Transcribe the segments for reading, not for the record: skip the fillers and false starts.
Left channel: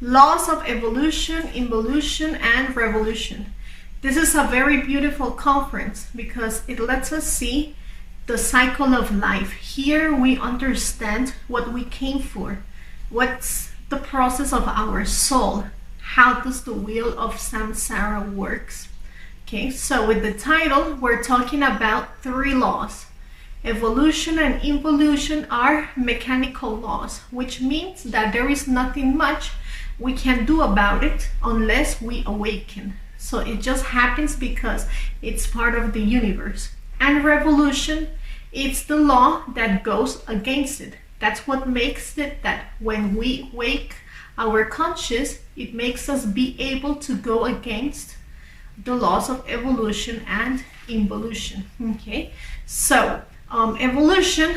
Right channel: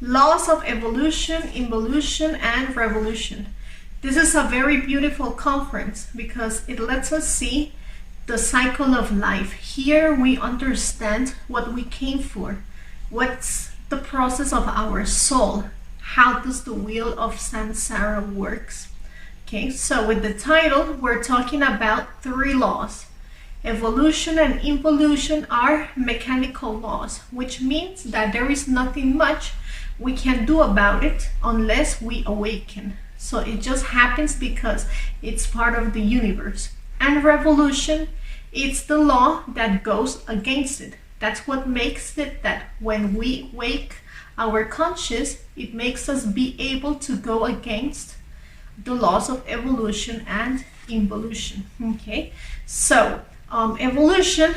Laws of evolution, involution, and revolution. This is a very beautiful conference because it lets us see the cycle of life. Here we understand what we came for, what's the process of our soul, how does the wheel of samsara works. Okay, so with the title, we're talking about 3 laws. Evolution and involution are mechanical laws, which means that there is nothing much we can do about it unless we awaken. So it just happens because it's part of the universe. And revolution, it's the law that goes against it. That's what makes it that when we wake our conscious, it makes us be able to go against the laws of evolution and involution. Okay, so evolution,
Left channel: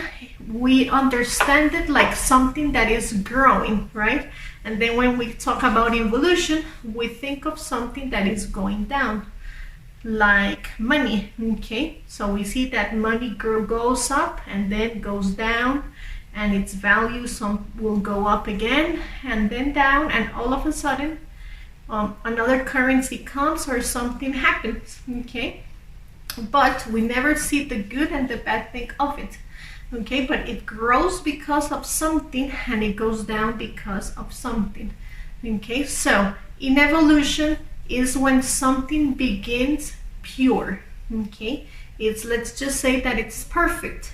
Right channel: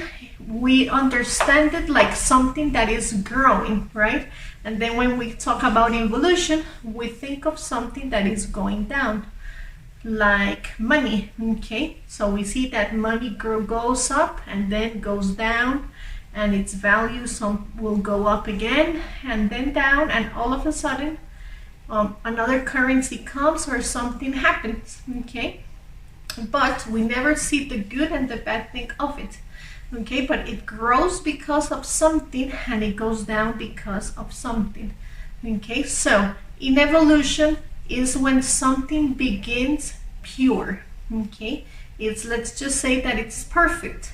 we understand it like something that is growing, right? And then when we talk about involution, we think of something that is going down, like money. Okay, so we see that money goes up and then goes down, and its value some will go up again and then down, and all of a sudden another currency comes or something happens. Okay, but we never see the good and the bad thing of it. Okay, but it grows because of something and it goes down because of something. Okay, so in evolution is when something begins pure. Okay, it's, let's just say that it's perfect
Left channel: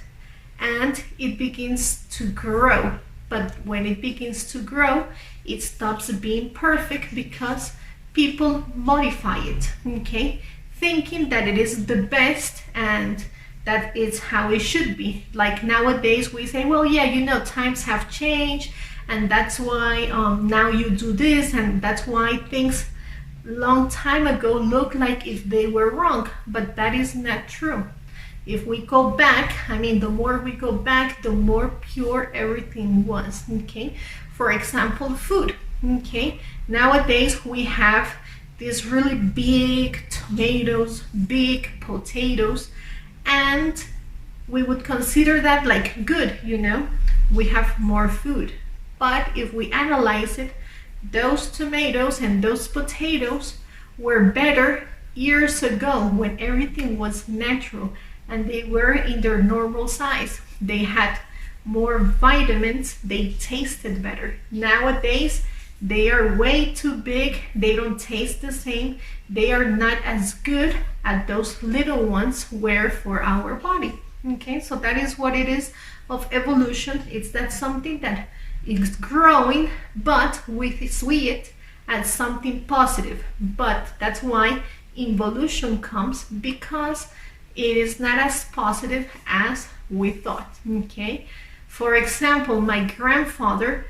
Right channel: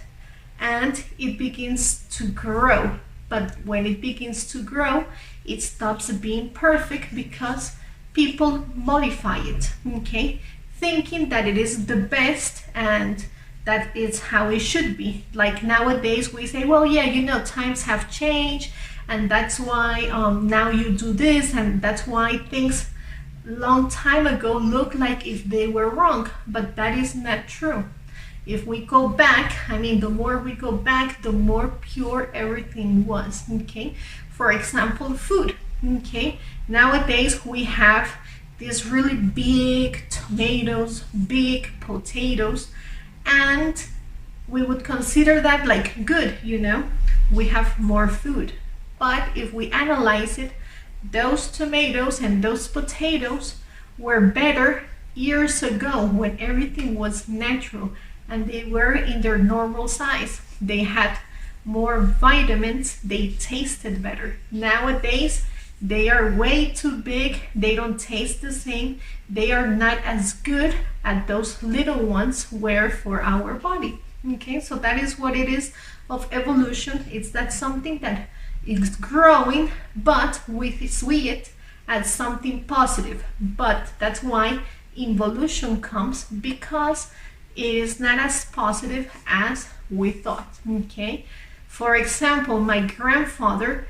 and it begins to grow. But when it begins to grow, it stops being perfect because people modify it. Okay, thinking that it is the best and that is how it should be. Like nowadays we say, well, yeah, you know, times have changed and that's why now you do this, and that's why things long time ago look like if they were wrong, but that is not true. If we go back, I mean, the more we go back, the more pure everything was. Okay, for example, food. Okay, nowadays we have these really big tomatoes, big potatoes, and we would consider that like good, you know, we have more food. But if we analyze it, those tomatoes and those potatoes were better years ago when everything was natural and they were in their normal size. They had more vitamins, they tasted better. Nowadays, they are way too big, they don't taste the same, they are not as good as those little ones were for our body. Okay, so that is what it is of evolution. It's that something that is growing, but we see it as something positive. But that's why involution comes, because it is not as positive as we thought. Okay, for example, my grandfather,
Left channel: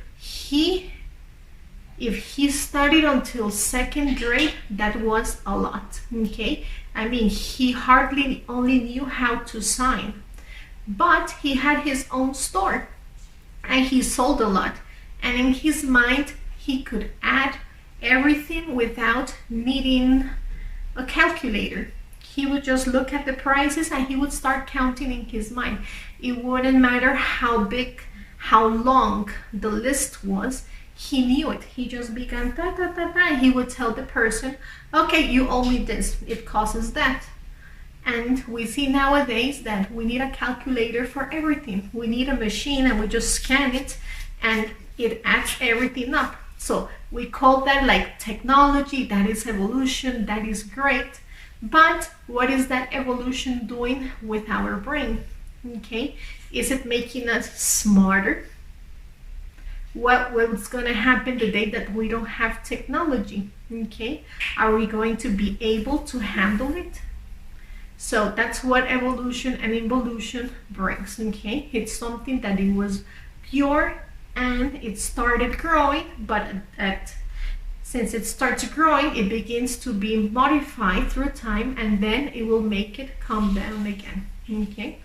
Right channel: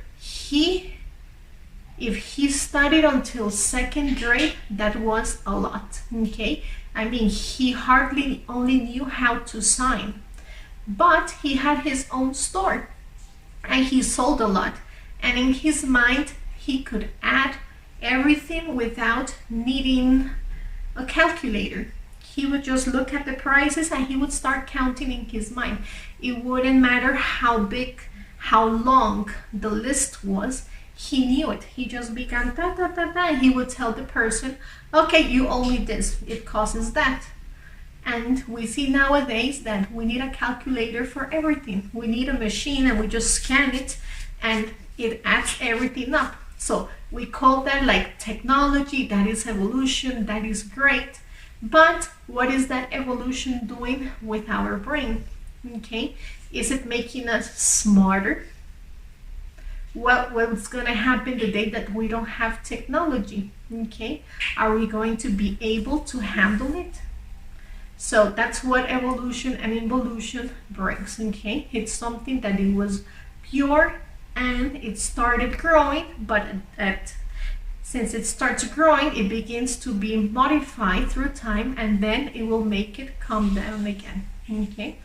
if he studied until 2nd grade, that was a lot. Okay, I mean, he hardly only knew how to sign, but he had his own store and he sold a lot, and in his mind he could add everything without needing a calculator. He would just look at the prices and he would start counting in his mind. It wouldn't matter how big, how long the list was. He knew it. He just began da da da da. He would tell the person, okay, you owe me this, it costs that. And we see nowadays that we need a calculator for everything. We need a machine and we just scan it and it adds everything up. So we call that like technology. That is evolution. That is great. But what is that evolution doing with our brain? Okay, is it making us smarter? What's going to happen the day that we don't have technology? Okay, are we going to be able to handle it? So that's what evolution and involution brings. Okay, it's something that it was pure and it started growing, but since it starts growing, it begins to be modified through time, and then it will make it come down again. Okay,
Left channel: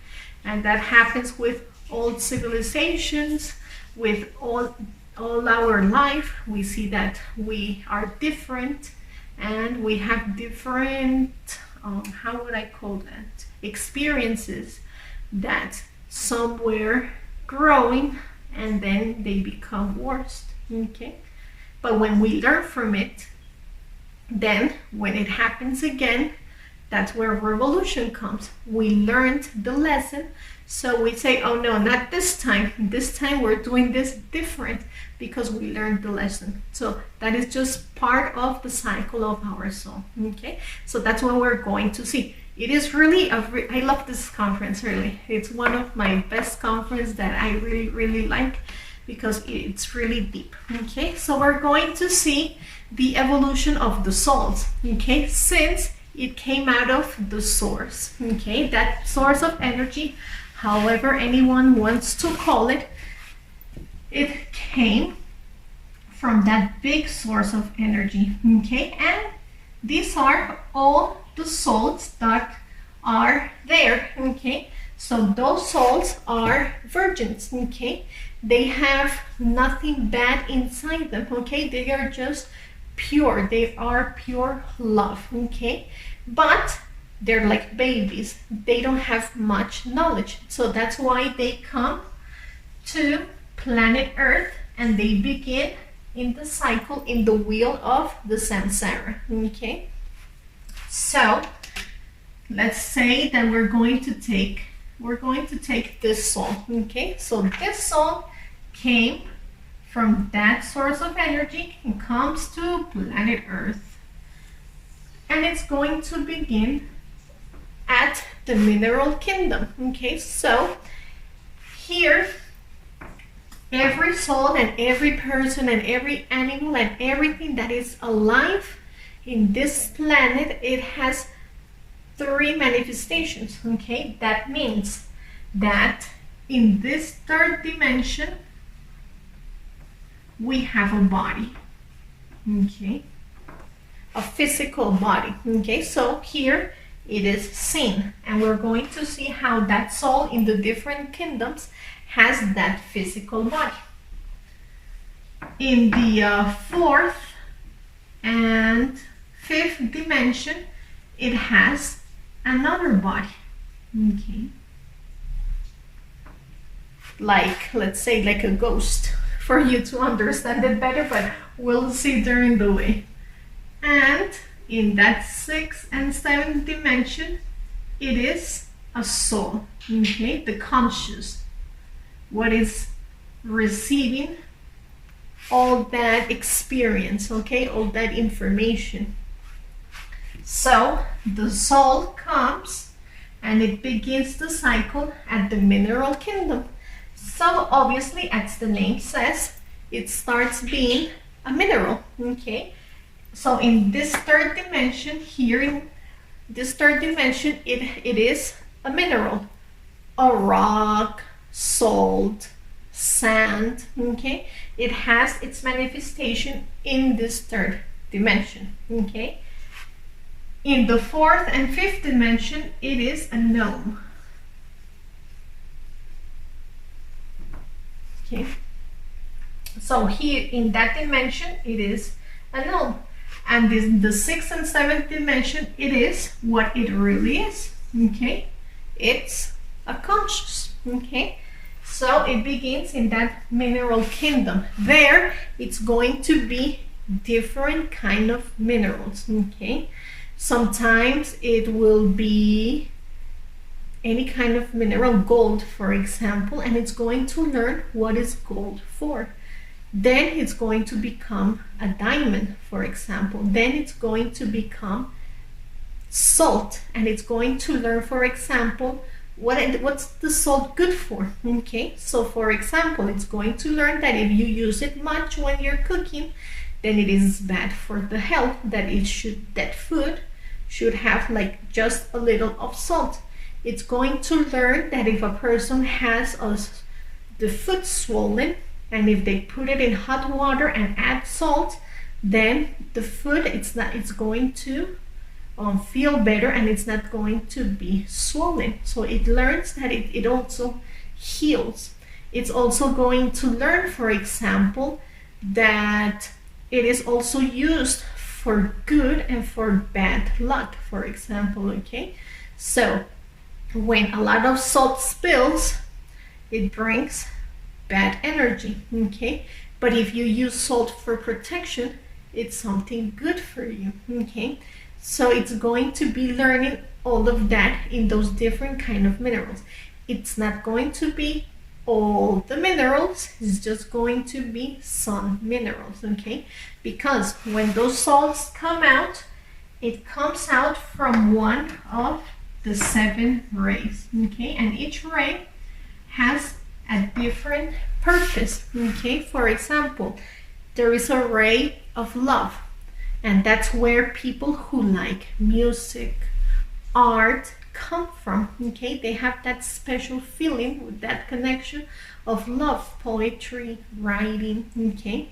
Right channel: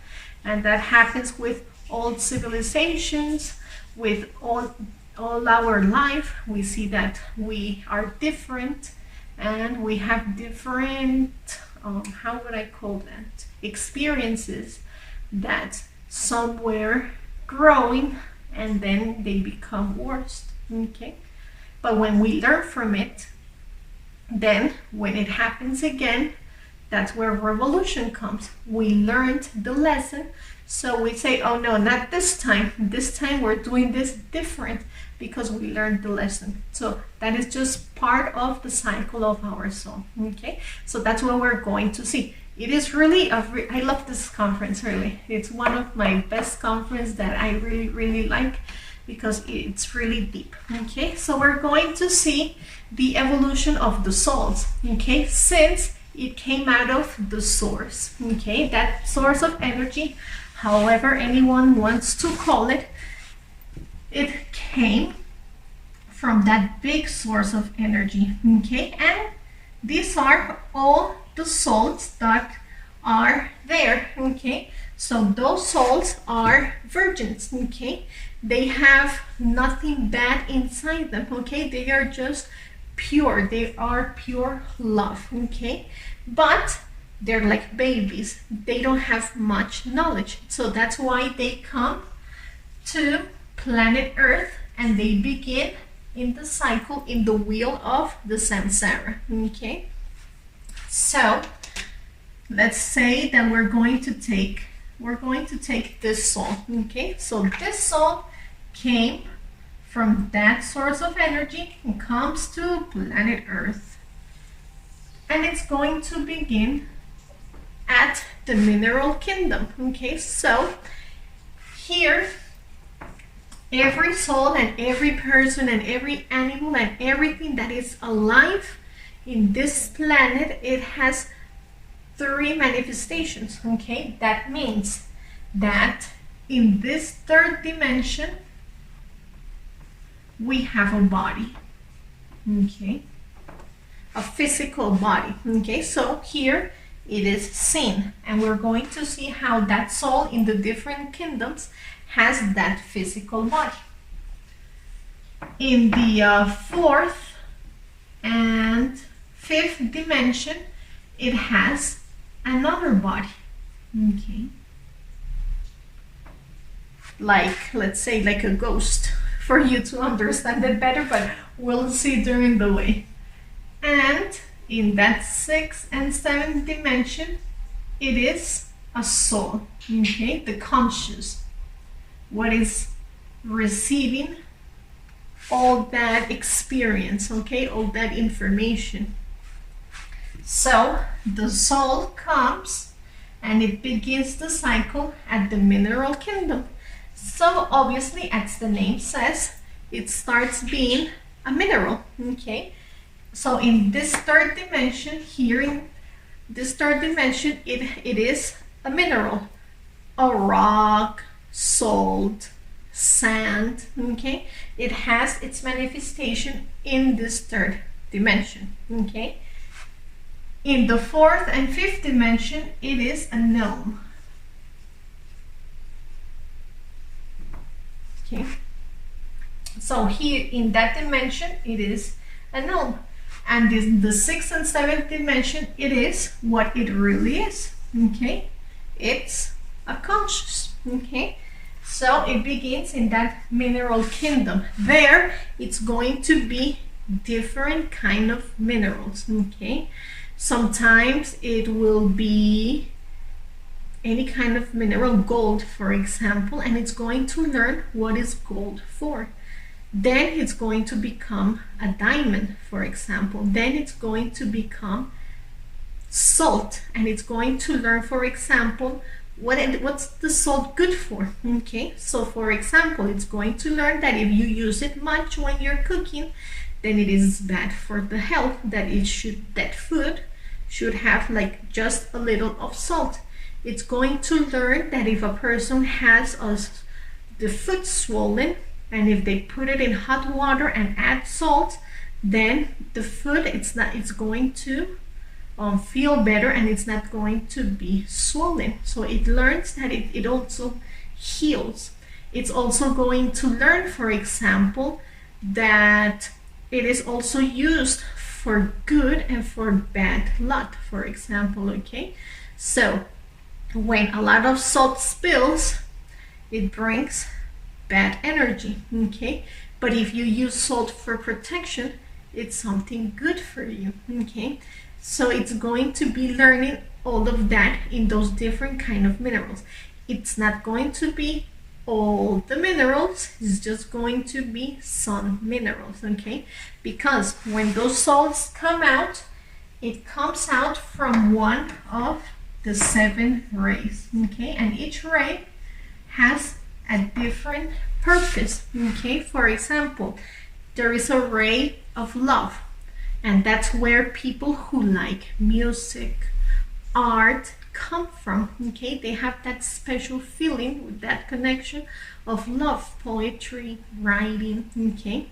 and that happens with old civilizations, with all our life. We see that we are different and we have different how would I call that, experiences, that some were growing and then they become worse. Okay, But when we learn from it, then when it happens again, that's where revolution comes. We learned the lesson, so we say, oh no, not this time. This time we're doing this different because we learned the lesson. So that is just part of the cycle of our soul. Okay, so that's what we're going to see. It is really I love this conference, really. It's one of my best conferences that I really like, because it's really deep. Okay, so we're going to see the evolution of the souls, okay, since it came out of the source, okay, that source of energy, however anyone wants to call it, it came from that big source of energy, okay, and these are all the souls that are there, okay, so those souls are virgins, okay, they have nothing bad inside them, okay, they are just pure, they are pure love, okay, but they're like babies, they don't have much knowledge, so that's why they come to planet Earth and they begin in the cycle, in the wheel of the samsara, okay. So let's say that we're going to take this soul, okay, so this soul came from that source of energy and comes to planet Earth, and it's going to begin at the mineral kingdom, okay. So here, every soul and every person and every animal and everything that is alive in this planet, it has 3 manifestations, okay. That means that in this 3rd dimension we have a body, okay, a physical body, okay. So here it is seen, and we're going to see how that soul in the different kingdoms has that physical body. In the 4th and 5th dimension, it has another body, okay, like, let's say, like a ghost, for you to understand it better, but we'll see during the way. And in that 6th and 7th dimension, it is a soul, okay, the conscious, what is receiving all that experience, okay, all that information. So the soul comes and it begins the cycle at the mineral kingdom. So obviously, as the name says, it starts being a mineral, okay. So in this 3rd dimension, here in this 3rd dimension, it is a mineral, a rock, salt, sand, okay. It has its manifestation in this 3rd dimension, okay. In the 4th and 5th dimension, it is a gnome, okay. So here in that dimension, it is a gnome, and the 6th and 7th dimension, it is what it really is, okay. It's a conscious, okay. So it begins in that mineral kingdom. There, it's going to be different kind of minerals, okay. Sometimes it will be any kind of mineral, gold, for example, and it's going to learn what is gold for. Then it's going to become a diamond, for example. Then it's going to become salt, and it's going to learn, for example, what's the salt good for, okay. So for example, it's going to learn that if you use it much when you're cooking, then it is bad for the health, that food should have like just a little of salt. It's going to learn that if a person has the foot swollen, and if they put it in hot water and add salt, then the foot, it's going to feel better, and it's not going to be swollen. So it learns that it also heals. It's also going to learn, for example, that it is also used for good and for bad luck, for example, okay. So when a lot of salt spills, it brings bad energy, okay. But if you use salt for protection, it's something good for you, okay? So it's going to be learning all of that in those different kind of minerals. It's not going to be all the minerals, it's just going to be some minerals, okay? Because when those salts come out, it comes out from one of the 7 rays, okay? And each ray has a different purpose, okay? For example, there is a ray of love, and that's where people who like music, art come from, okay? They have that special feeling with that connection of love, poetry, writing, okay?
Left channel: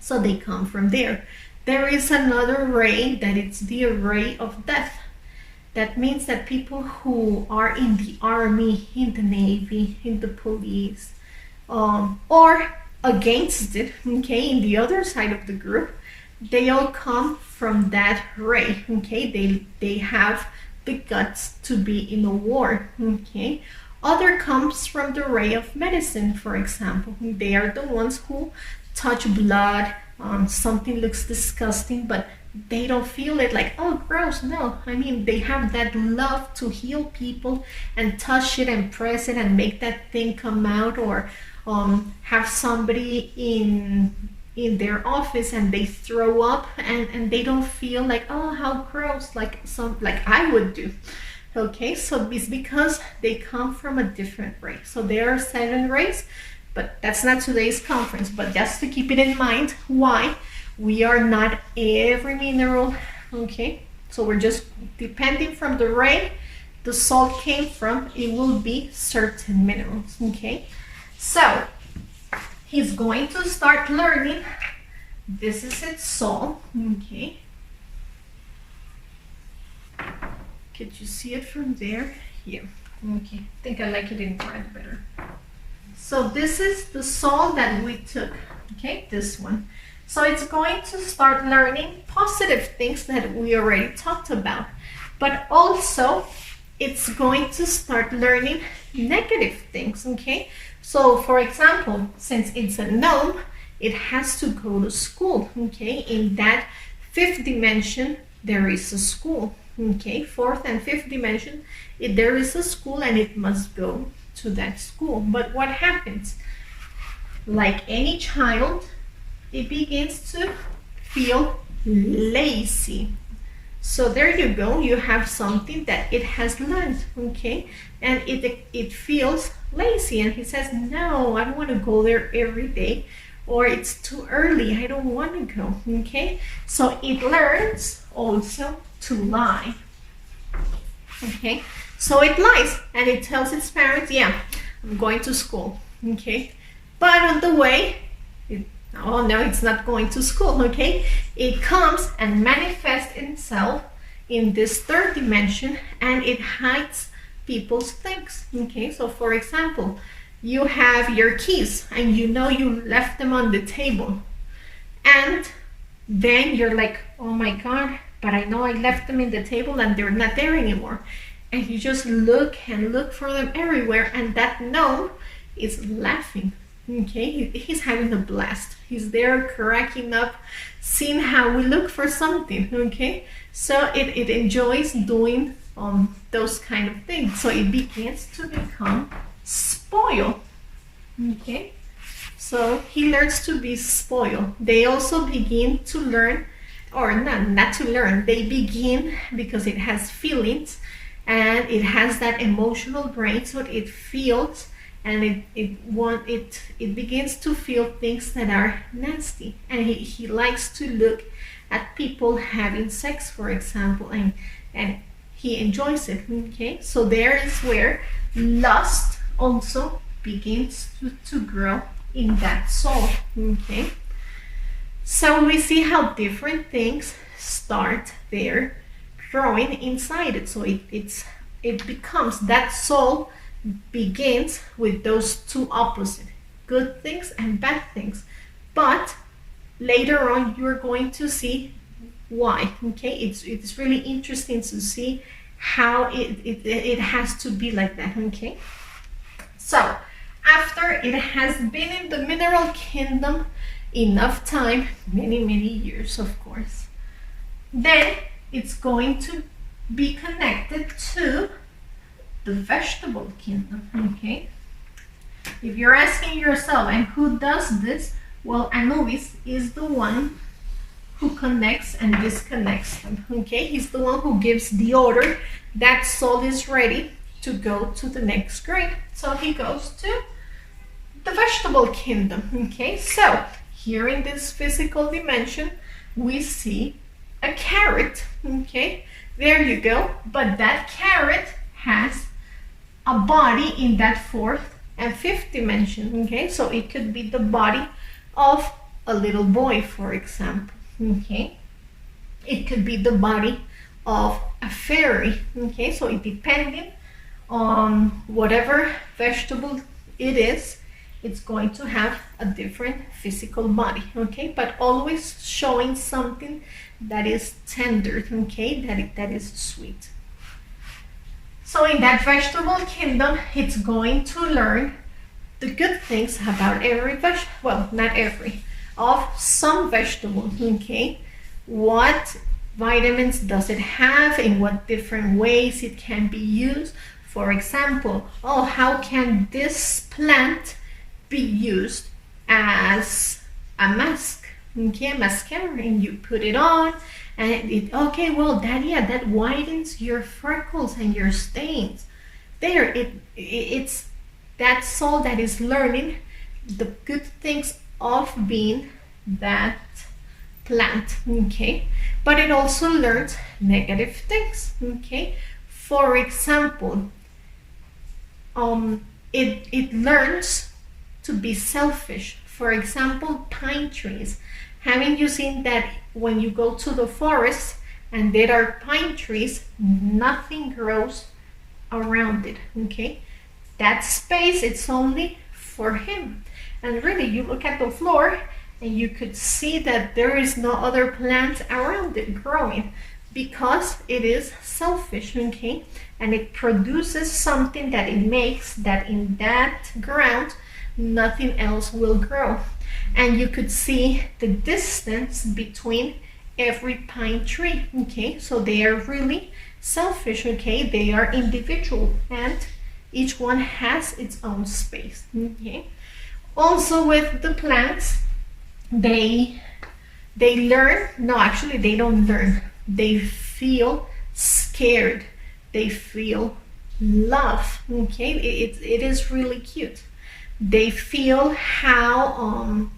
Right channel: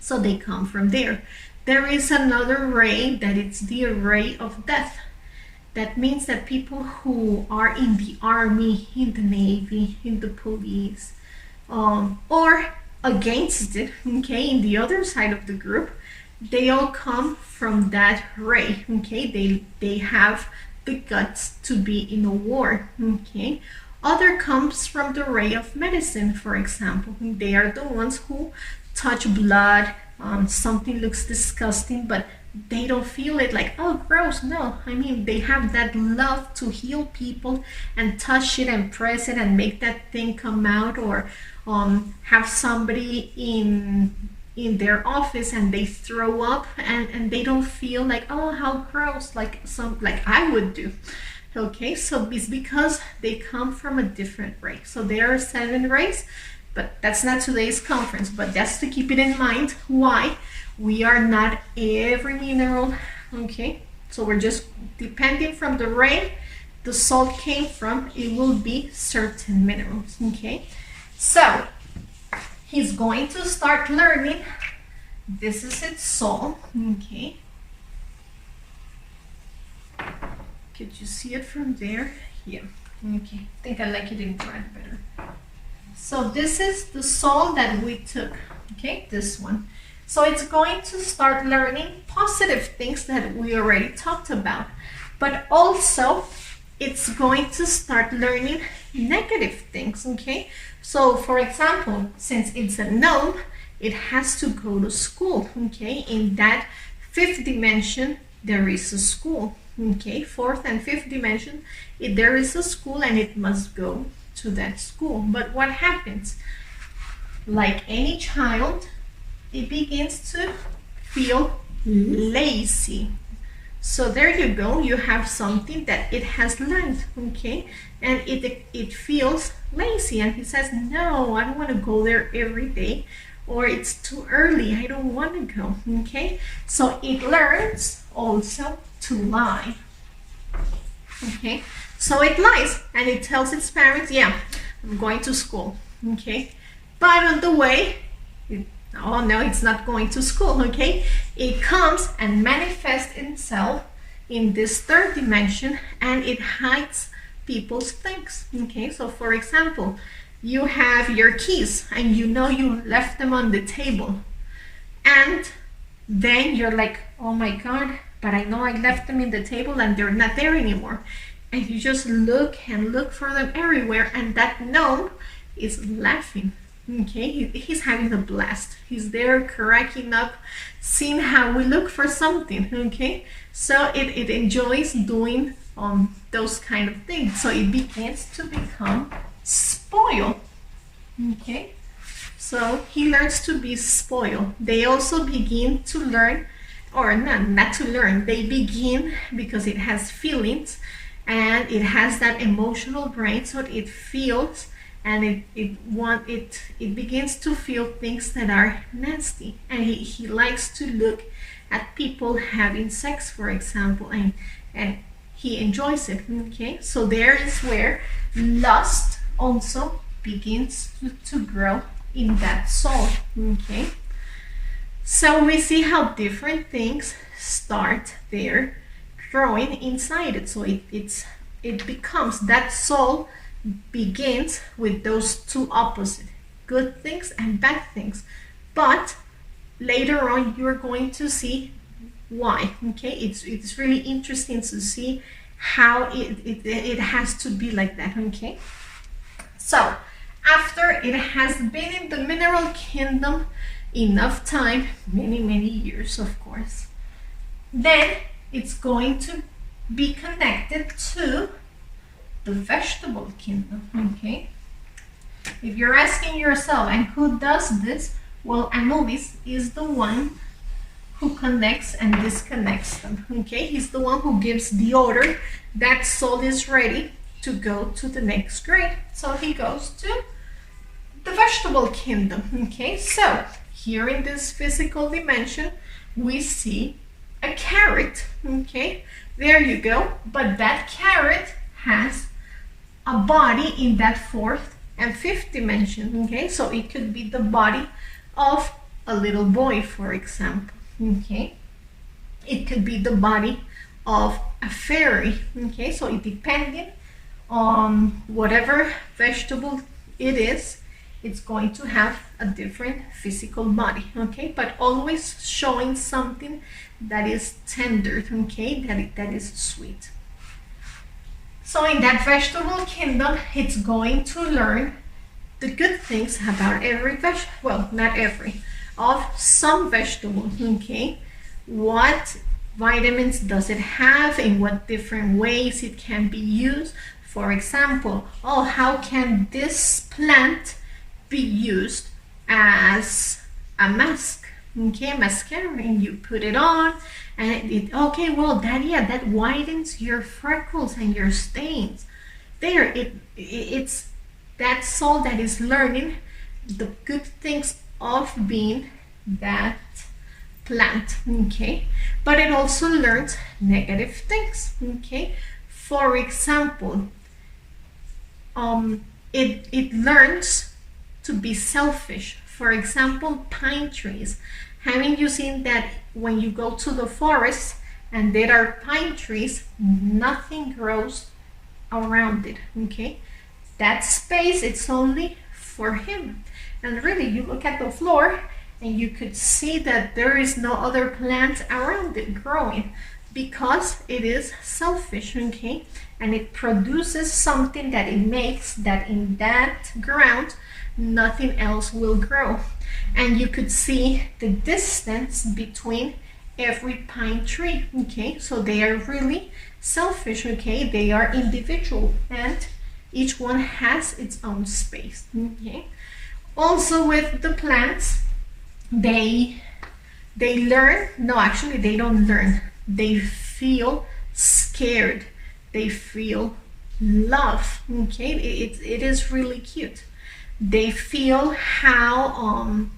So they come from there. There is another ray that it's the ray of death. That means that people who are in the army, in the navy, in the police, or against it, okay, in the other side of the group, they all come from that ray, okay? They have the guts to be in a war, okay? Other comes from the ray of medicine, for example. They are the ones who touch blood, something looks disgusting, but they don't feel it like, oh, gross. No, I mean, they have that love to heal people and touch it and press it and make that thing come out, or have somebody in their office and they throw up and they don't feel like, oh, how gross, like I would do. Okay, so it's because they come from a different ray. So there are 7 rays, but that's not today's conference, but just to keep it in mind why we are not every mineral, okay? So we're just depending from the ray the salt came from, it will be certain minerals, okay? So he's going to start learning. This is its soul, okay? Could you see it from there? Here, okay. I think I like it in red better. So this is the soul that we took, okay? This one. So it's going to start learning positive things that we already talked about, but also it's going to start learning negative things, okay? So for example, since it's a gnome, it has to go to school, okay? In that 5th dimension, there is a school, okay? 4th and 5th dimension, there is a school and it must go to that school. But what happens? Like any child, it begins to feel lazy. So there you go, you have something that it has learned, okay? And it feels lazy, and he says, no, I don't want to go there every day, or it's too early, I don't want to go, okay? So it learns also to lie, okay? So it lies, and it tells its parents, yeah, I'm going to school, okay? But on the way, oh no, it's not going to school, okay? It comes and manifests itself in this 3rd dimension, and it hides people's things, okay? So for example, you have your keys and you know you left them on the table, and then you're like, oh my God, but I know I left them in the table and they're not there anymore. And you just look and look for them everywhere, and that gnome is laughing. Okay, he's having a blast. He's there cracking up, seeing how we look for something, okay? So it enjoys doing those kind of things. So it begins to become spoiled, okay? So he learns to be spoiled. They also begin to learn, or not to learn, they begin, because it has feelings and it has that emotional brain, so it feels, and it begins to feel things that are nasty, and he likes to look at people having sex, for example, and he enjoys it, okay? So there is where lust also begins to grow in that soul, okay? So we see how different things start there growing inside it. So it becomes, that soul begins with those two opposite, good things and bad things, but later on you're going to see why, okay? It's really interesting to see how it has to be like that, okay? So after it has been in the mineral kingdom enough time, many years, of course. Then it's going to be connected to the vegetable kingdom, okay? If you're asking yourself, and who does this? Well, Anubis is the one who connects and disconnects them, okay? He's the one who gives the order that soul is ready to go to the next grade. So he goes to the vegetable kingdom, okay? So here in this physical dimension, we see a carrot, okay? There you go. But that carrot has a body in that fourth and fifth dimension, okay? So it could be the body of a little boy, for example, okay? It could be the body of a fairy, okay? So it depending on whatever vegetable it is, it's going to have a different physical body, okay? But always showing something that is tender, okay? That is sweet. So in that vegetable kingdom, it's going to learn the good things about every vegetable, well, not every, of some vegetable, okay? What vitamins does it have, in what different ways it can be used. For example, oh, how can this plant be used as a mask, okay, a mascara, and you put it on, and it okay, well, that widens your freckles and your stains. There, it's that soul that is learning the good things of being that plant, okay? But it also learns negative things, okay? For example, it learns to be selfish. For example, pine trees. Haven't you seen that when you go to the forest and there are pine trees, nothing grows around it, okay? That space, it's only for him. And really, you look at the floor and you could see that there is no other plant around it growing, because it is selfish, okay? And it produces something that it makes that in that ground nothing else will grow. And you could see the distance between every pine tree, okay? So they are really selfish, okay? They are individual, and each one has its own space, okay? Also with the plants, they learn, no, actually they don't learn. They feel scared. They feel love, okay? It is really cute. They feel how,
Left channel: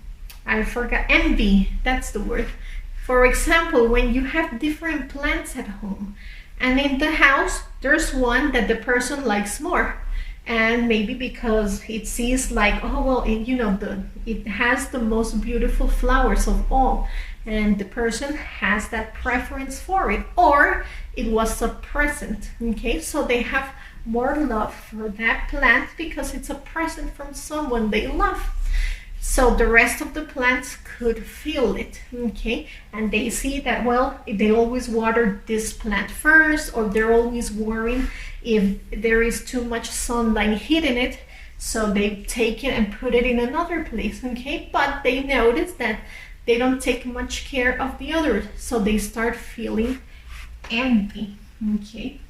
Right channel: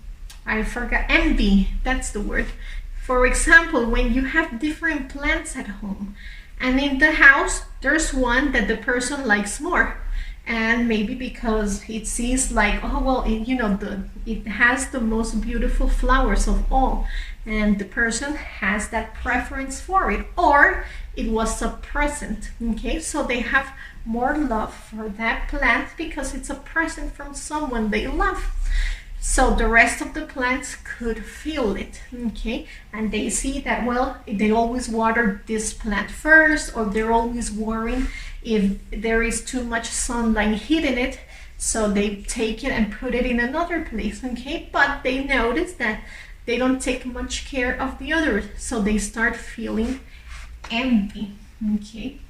I forgot, envy, that's the word. For example, when you have different plants at home, and in the house, there's one that the person likes more. And maybe because it sees like, oh, well, it has the most beautiful flowers of all. And the person has that preference for it. Or it was a present, okay? So they have more love for that plant because it's a present from someone they love. So the rest of the plants could feel it, okay? And they see that, well, they always water this plant first, or they're always worrying if there is too much sunlight hitting it. So they take it and put it in another place, okay? But they notice that they don't take much care of the others. So they start feeling envy, okay?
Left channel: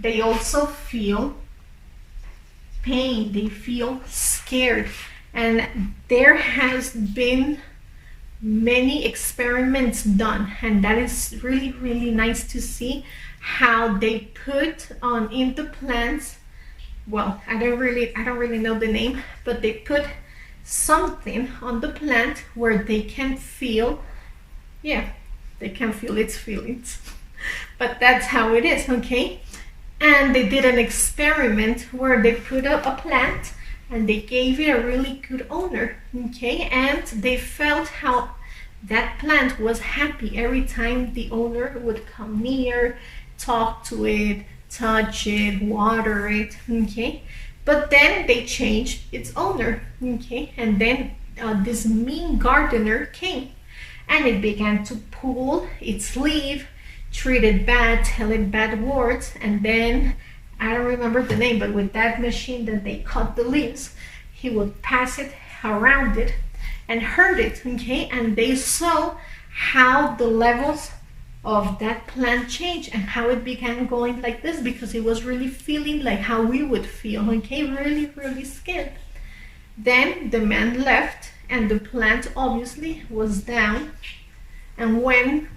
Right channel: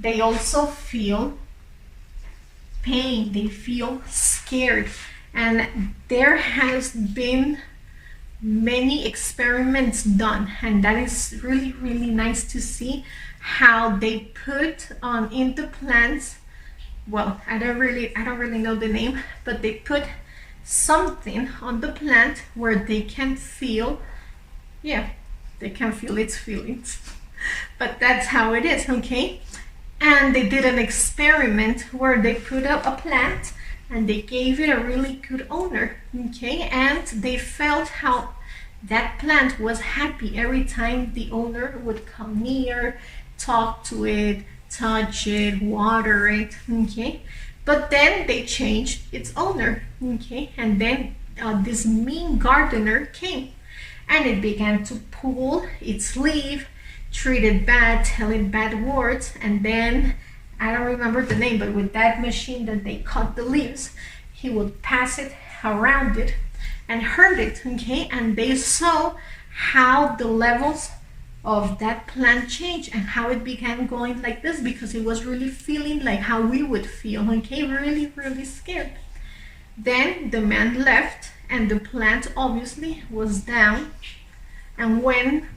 They also feel pain, they feel scared, and there has been many experiments done, and that is really nice to see how they put on in the plants, well, I don't really know the name, but they put something on the plant where they can feel, yeah, they can feel its feelings. But that's how it is, okay? And they did an experiment where they put up a plant and they gave it a really good owner, okay? And they felt how that plant was happy every time the owner would come near, talk to it, touch it, water it, okay? But then they changed its owner, okay? And then this mean gardener came, and it began to pull its leaf, treat it bad, tell it bad words, and then, I don't remember the name, but with that machine that they cut the leaves, he would pass it around it and heard it, okay, and they saw how the levels of that plant changed and how it began going like this, because it was really feeling like how we would feel, okay, really, really scared. Then the man left and the plant obviously was down, and when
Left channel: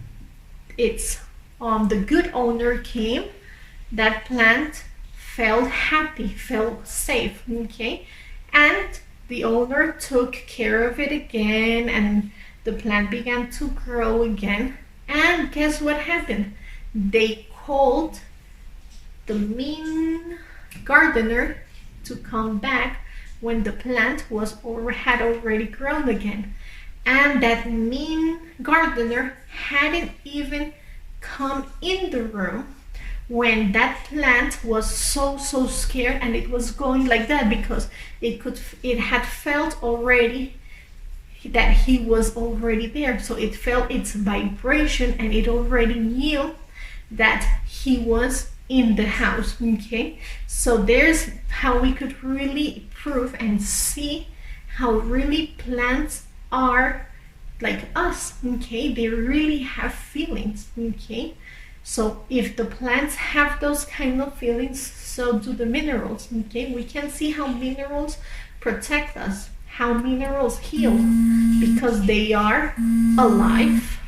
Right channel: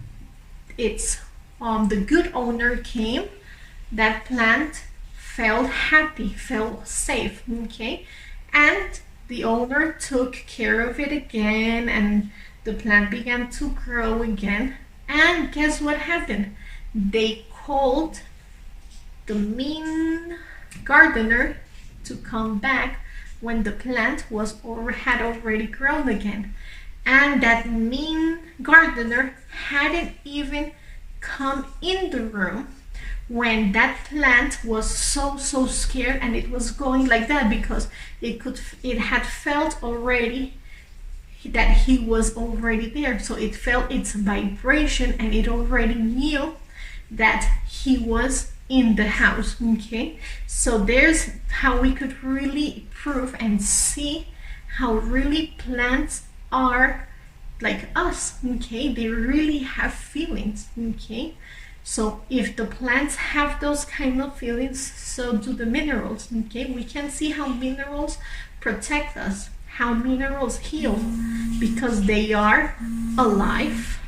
it's the good owner came, that plant felt happy, felt safe, okay, and the owner took care of it again, and the plant began to grow again. And guess what happened? They called the mean gardener to come back when the plant had already grown again. And that mean gardener hadn't even come in the room when that plant was so scared, and it was going like that because it had felt already that he was already there. So it felt its vibration and it already knew that he was in the house, okay? So there's how we could really prove and see how really plants are like us, okay? They really have feelings, okay? So if the plants have those kind of feelings, so do the minerals, okay? We can see how minerals protect us, how minerals heal, because they are alive,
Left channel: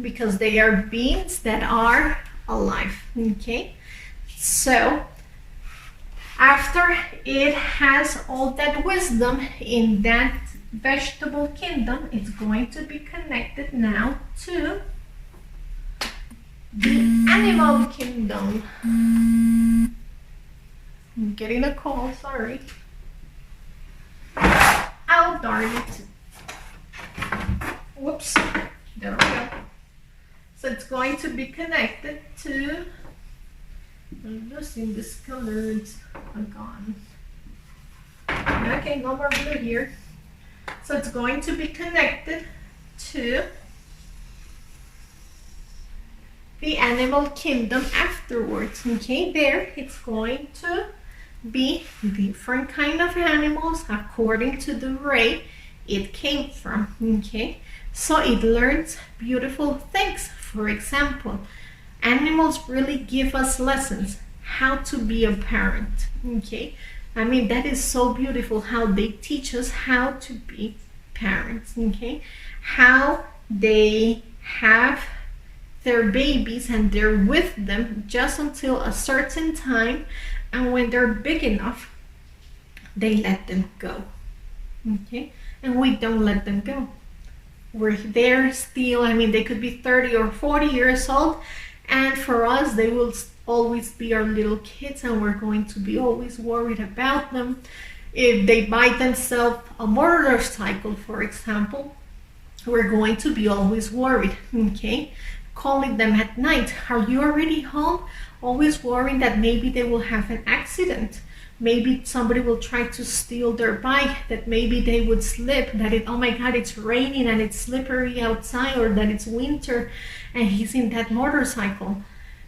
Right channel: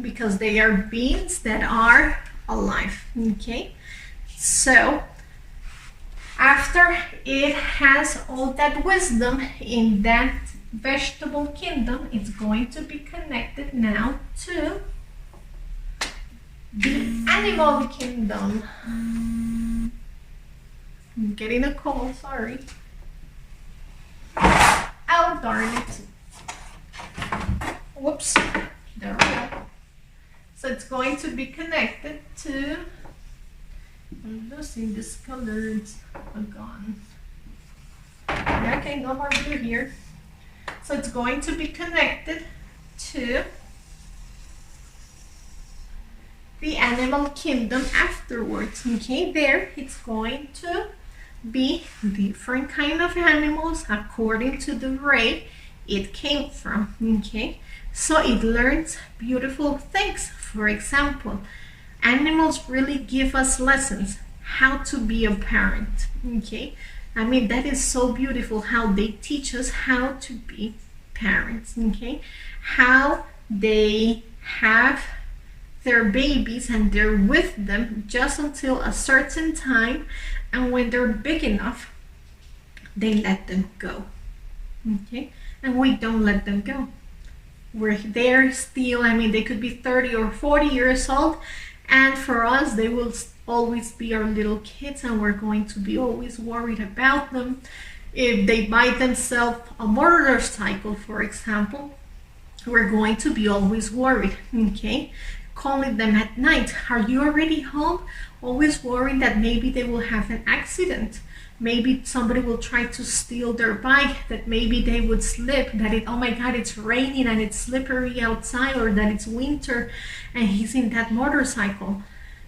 because they are beings that are alive, okay? So after it has all that wisdom in that vegetable kingdom, it's going to be connected now to the animal kingdom. I'm getting a call, sorry. Oh, darn it. Whoops. There we go. So it's going to be connected to, I'm losing this color, it's gone. Okay, no more blue here. So it's going to be connected to the animal kingdom afterwards, okay? There it's going to be different kind of animals according to the ray it came from, okay? So it learns beautiful things. For example, animals really give us lessons how to be a parent, okay? I mean, that is so beautiful how they teach us how to be parents, okay? How they have their babies and they're with them just until a certain time, and when they're big enough, they let them go, okay? And we don't let them go. We're there still. I mean, they could be 30 or 40 years old, and for us, they will always be our little kids, and we're going to be always worried about them. If they buy themselves a motorcycle, for example, we're going to be always worried, okay? Calling them at night, are you already home? Always worrying that maybe they will have an accident. Maybe somebody will try to steal their bike, that maybe they would slip, that oh my God, it's raining and it's slippery outside, or that it's winter and he's in that motorcycle.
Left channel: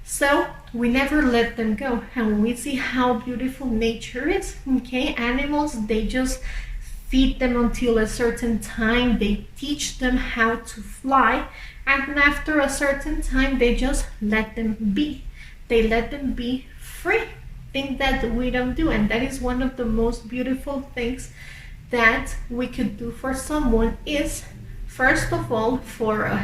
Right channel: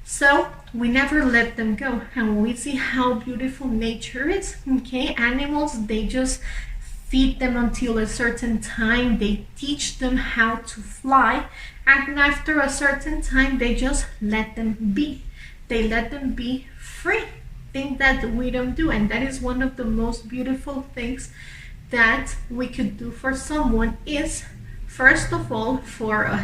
So we never let them go, and we see how beautiful nature is, okay? Animals, they just feed them until a certain time. They teach them how to fly, and after a certain time, they just let them be. They let them be free. Thing that we don't do, and that is one of the most beautiful things that we could do for someone. Is first of all, for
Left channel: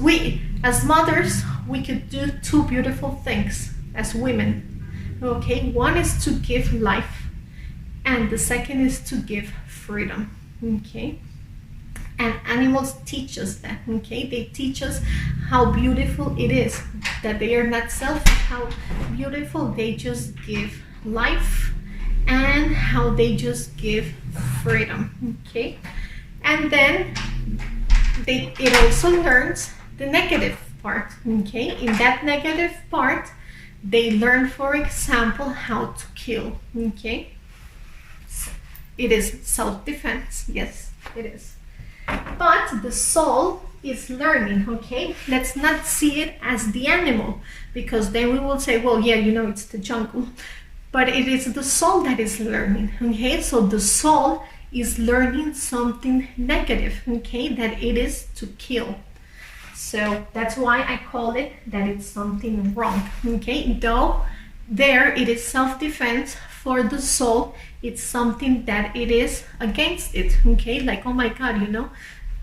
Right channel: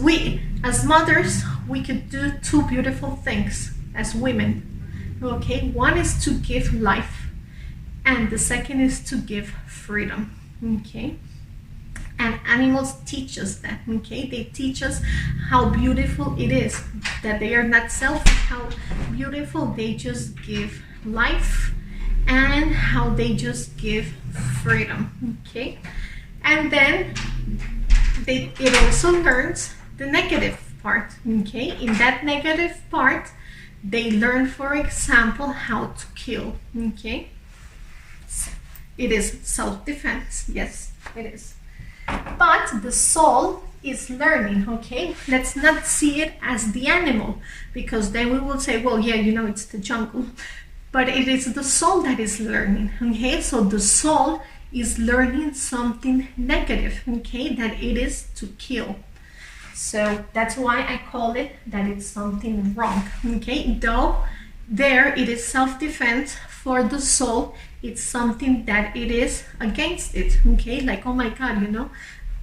we as mothers, we could do two beautiful things as women, okay? One is to give life, and the second is to give freedom, okay? And animals teach us that, okay? They teach us how beautiful it is, that they are not selfish, how beautiful they just give life, and how they just give freedom, okay? And then it also learns the negative part, okay? In that negative part, they learn, for example, how to kill, okay? It is self-defense, yes, it is. But the soul is learning, okay? Let's not see it as the animal, because then we will say, well, yeah, you know, it's the jungle. but it is the soul that is learning. Okay, so the soul is learning something negative, okay, that it is to kill. So that's why I call it that it's something wrong. Okay, though there it is self-defense. For the soul, it's something that it is against it. Okay, like, oh my God, you know,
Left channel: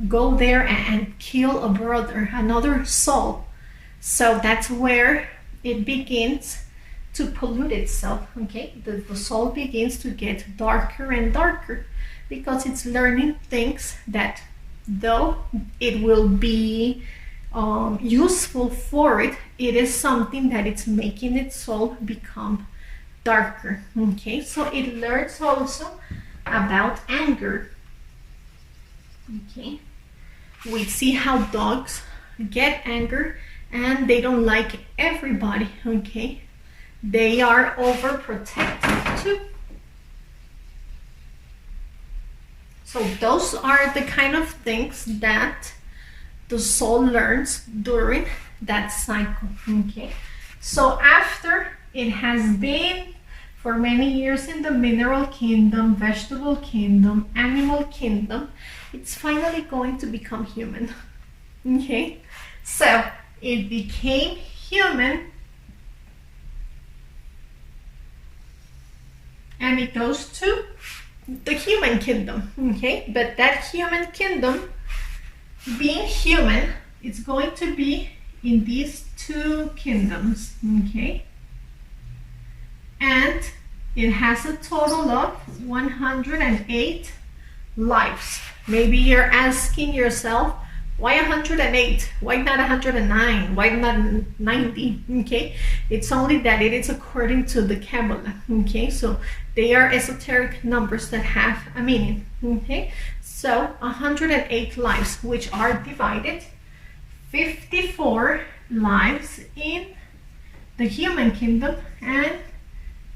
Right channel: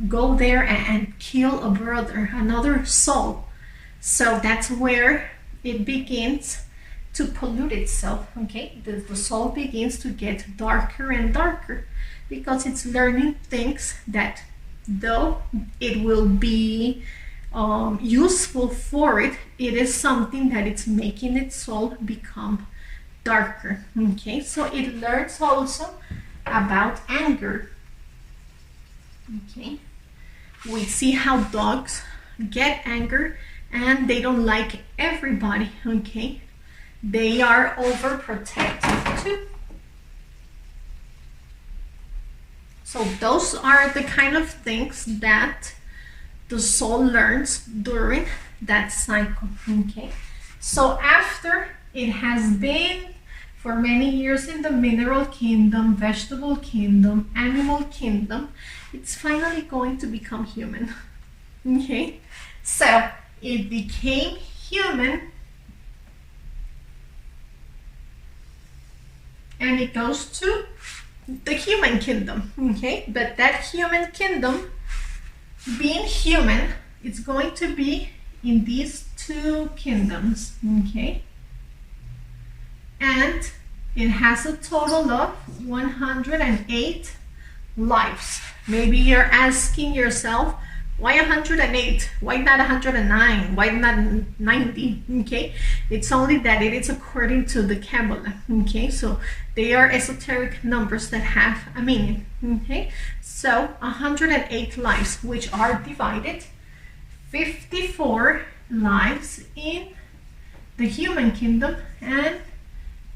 go there and kill a brother, another soul. So that's where it begins to pollute itself. Okay, the soul begins to get darker and darker, because it's learning things that, though it will be useful for it, it is something that it's making its soul become darker. Okay, so it learns also about anger. Okay, we see how dogs get anger and they don't like everybody. Okay, they are overprotective too. So those are the kind of things that the soul learns during that cycle. Okay, so after it has been for many years in the mineral kingdom, vegetable kingdom, animal kingdom, it's finally going to become human. Okay, so it became human, and it goes to the human kingdom. Okay, but that human kingdom, being human, it's going to be in these two kingdoms. Okay, and it has a total of 108 lives. Maybe you're asking yourself, why 108? Why not 109? Why not 90? Okay, it's only that it is according to the Kabbalah. Okay, so they are esoteric numbers that have a meaning. Okay, so 108 lives, which are divided 54 lives in the human kingdom and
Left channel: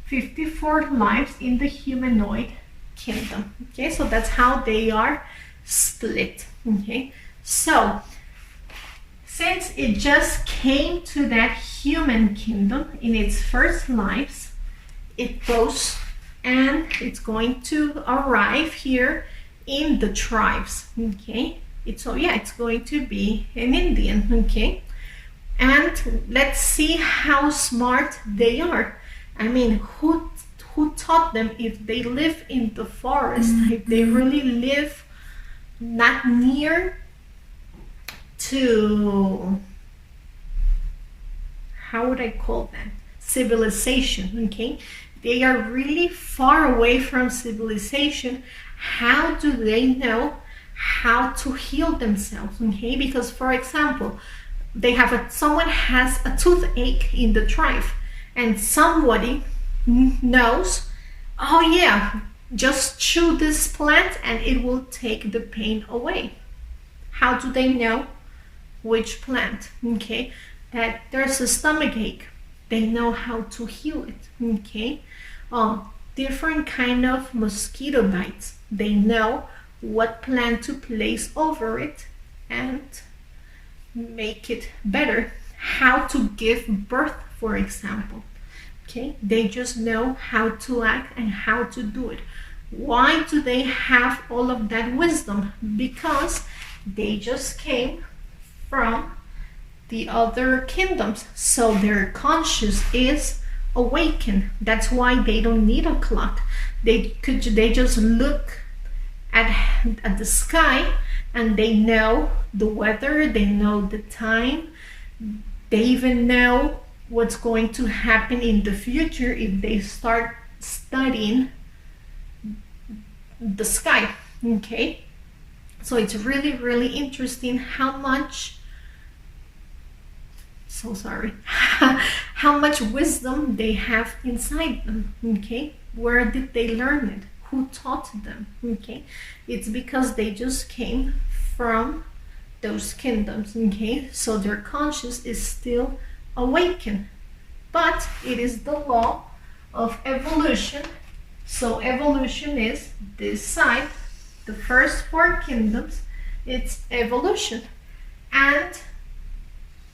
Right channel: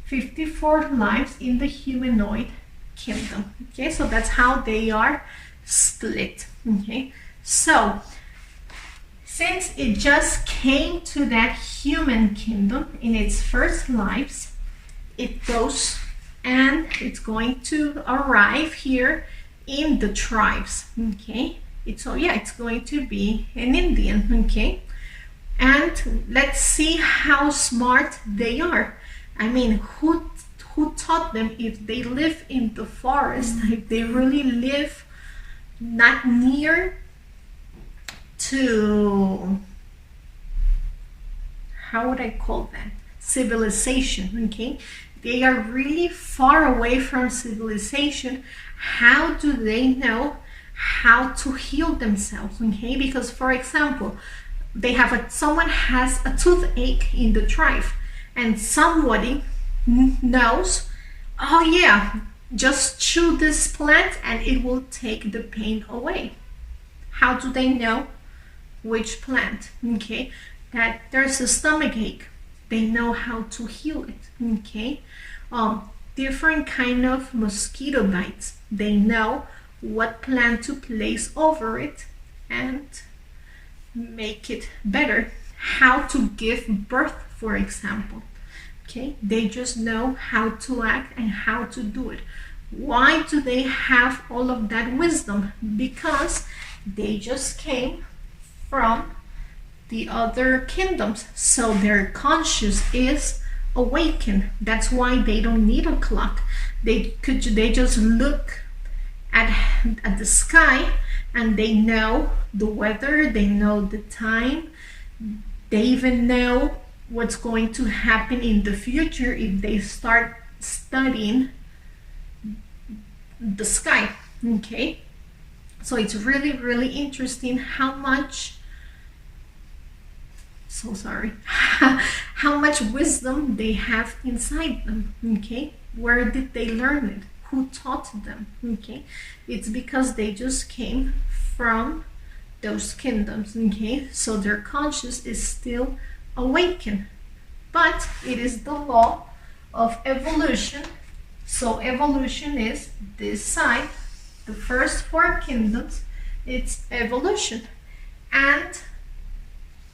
54 lives in the humanoid kingdom. Okay, so that's how they are split. Okay, so since it just came to that human kingdom in its first lives, it goes and it's going to arrive here in the tribes. Okay, it's going to be an Indian. Okay, and let's see how smart they are. I mean, who taught them? If they live in the forest, if they really live not near to, how would I call that, civilization. Okay, they are really far away from civilization. How do they know how to heal themselves? Okay, because for example, they have someone has a toothache in the tribe, and somebody knows, oh yeah, just chew this plant and it will take the pain away. How do they know which plant? Okay, that there's a stomach ache, they know how to heal it. Okay, different kind of mosquito bites, they know what plant to place over it and make it better. How to give birth, for example. Okay, they just know how to act and how to do it. Why do they have all of that wisdom? Because they just came from the other kingdoms, so their conscious is awakened. That's why they don't need a clock. They just look at the sky and they know the weather, they know the time, they even know what's going to happen in the future if they start studying the sky. Okay, so it's really, really interesting how much how much wisdom they have inside them. Okay, where did they learn it? Who taught them? Okay, it's because they just came from those kingdoms. Okay, so their conscious is still awakened, but it is the law of evolution. So evolution is this side, the first 4 kingdoms, it's evolution, and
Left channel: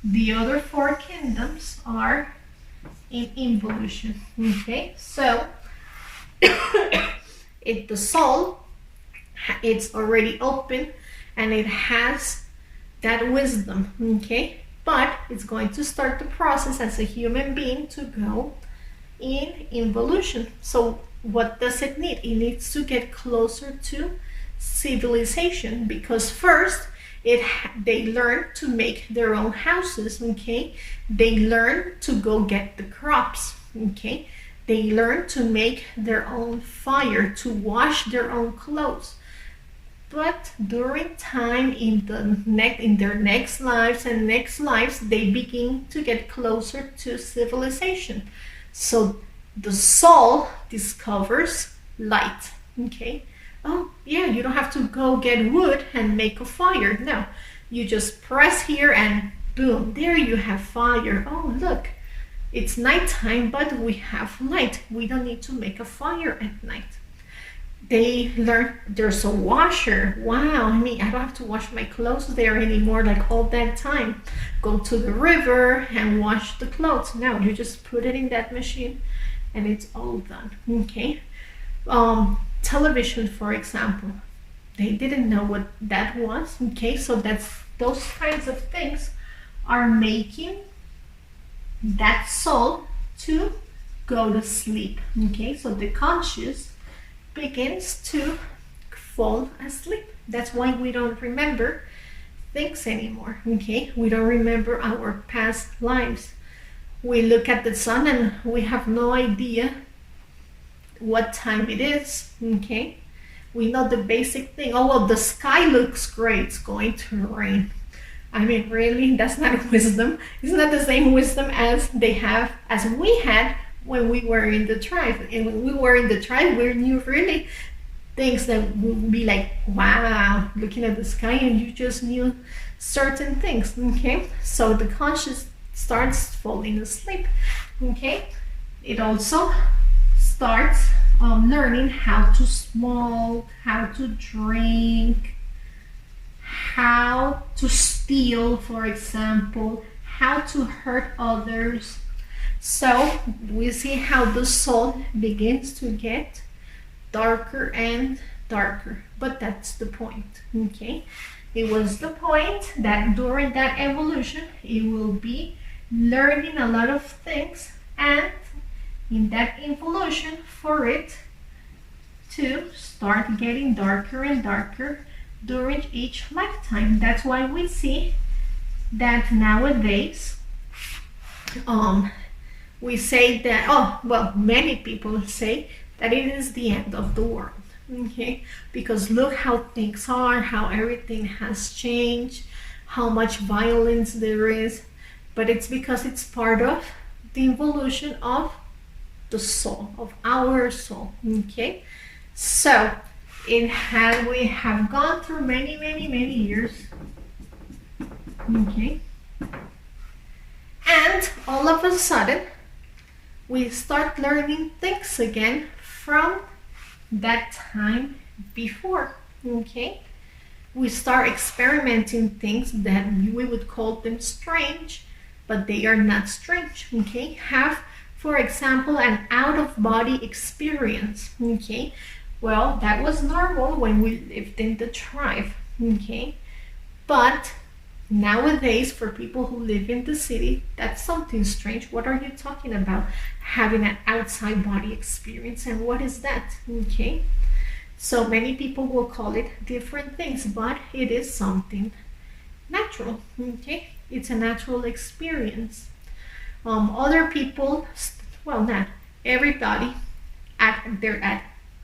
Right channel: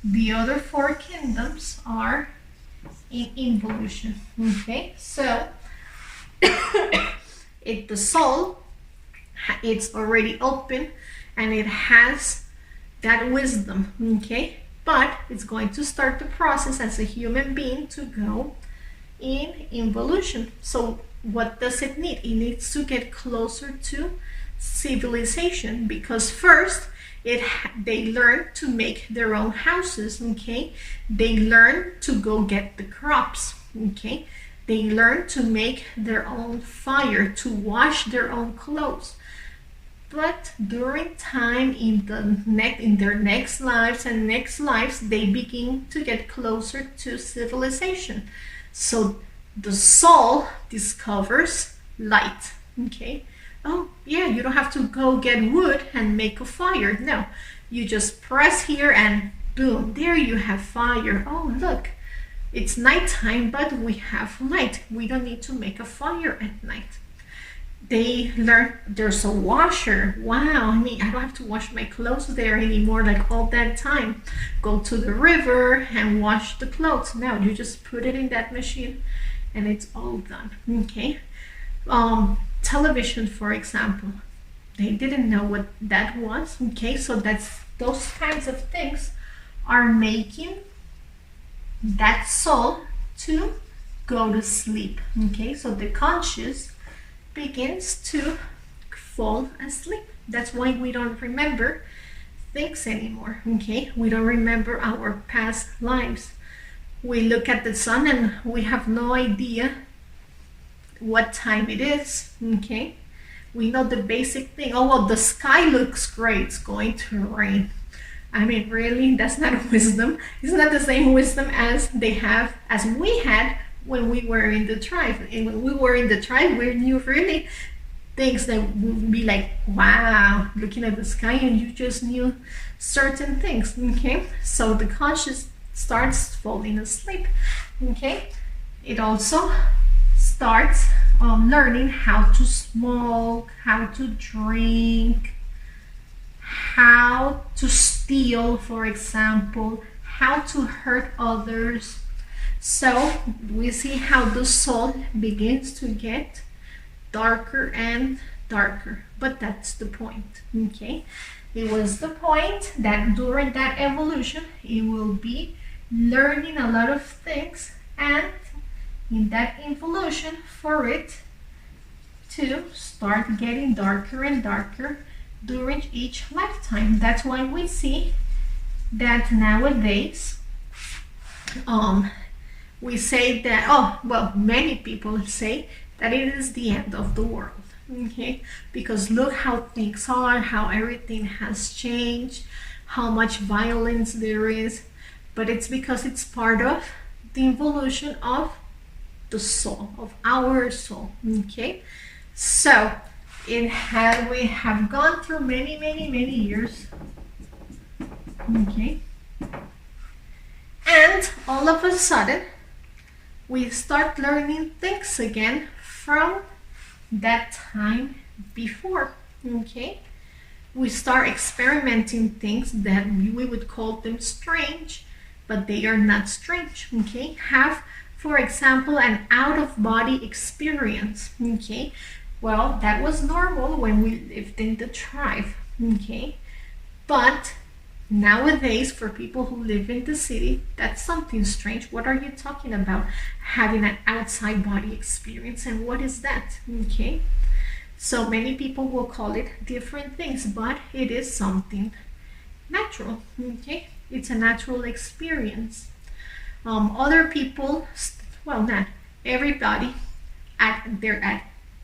the other 4 kingdoms are in involution. Okay, so the soul, it's already open and it has that wisdom. Okay, but it's going to start the process as a human being to go in involution. So what does it need? It needs to get closer to civilization, because first they learn to make their own houses. Okay, they learn to go get the crops. Okay, they learn to make their own fire, to wash their own clothes. But during time, in their next lives and next lives, they begin to get closer to civilization. So the soul discovers light. Okay, oh yeah, you don't have to go get wood and make a fire. No, you just press here and boom, there you have fire. Oh look, it's nighttime, but we have light. We don't need to make a fire at night. They learn there's a washer. Wow, I mean, I don't have to wash my clothes there anymore like all that time. Go to the river and wash the clothes. No, you just put it in that machine and it's all done. Okay, television, for example, they didn't know what that was. Okay, so those kinds of things are making that soul to go to sleep. Okay, so the conscious begins to fall asleep. That's why we don't remember things anymore. Okay, we don't remember our past lives. We look at the sun and we have no idea what time it is. Okay, we know the basic thing. Oh well, the sky looks great, it's going to rain. I mean, really, that's not wisdom. It's not the same wisdom as we had when we were in the tribe. And when we were in the tribe, we knew really things that would be like, wow, looking at the sky, and you just knew certain things. Okay, so the conscious starts falling asleep. Okay, it also starts learning how to smoke, how to drink, how to steal, for example, how to hurt others. So we see how the soul begins to get darker and darker, but that's the point. Okay, it was the point that during that evolution it will be learning a lot of things, and in that evolution for it to start getting darker and darker during each lifetime. That's why we see that nowadays we say that, oh well, many people say that it is the end of the world. Okay, because look how things are, how everything has changed, how much violence there is. But it's because it's part of the evolution of the soul, of our soul. Okay, so we have gone through many years. Okay, and all of a sudden we start learning things again from that time before. Okay, we start experimenting things that we would call them strange, but they are not strange. Okay, have, for example, an out-of-body experience. Okay, well, that was normal when we lived in the tribe. Okay, but nowadays, for people who live in the city, that's something strange. What are you talking about? Having an outside body experience, and what is that? Okay, so many people will call it different things, but it is something natural. Okay, it's a natural experience. Other people, well, not everybody, at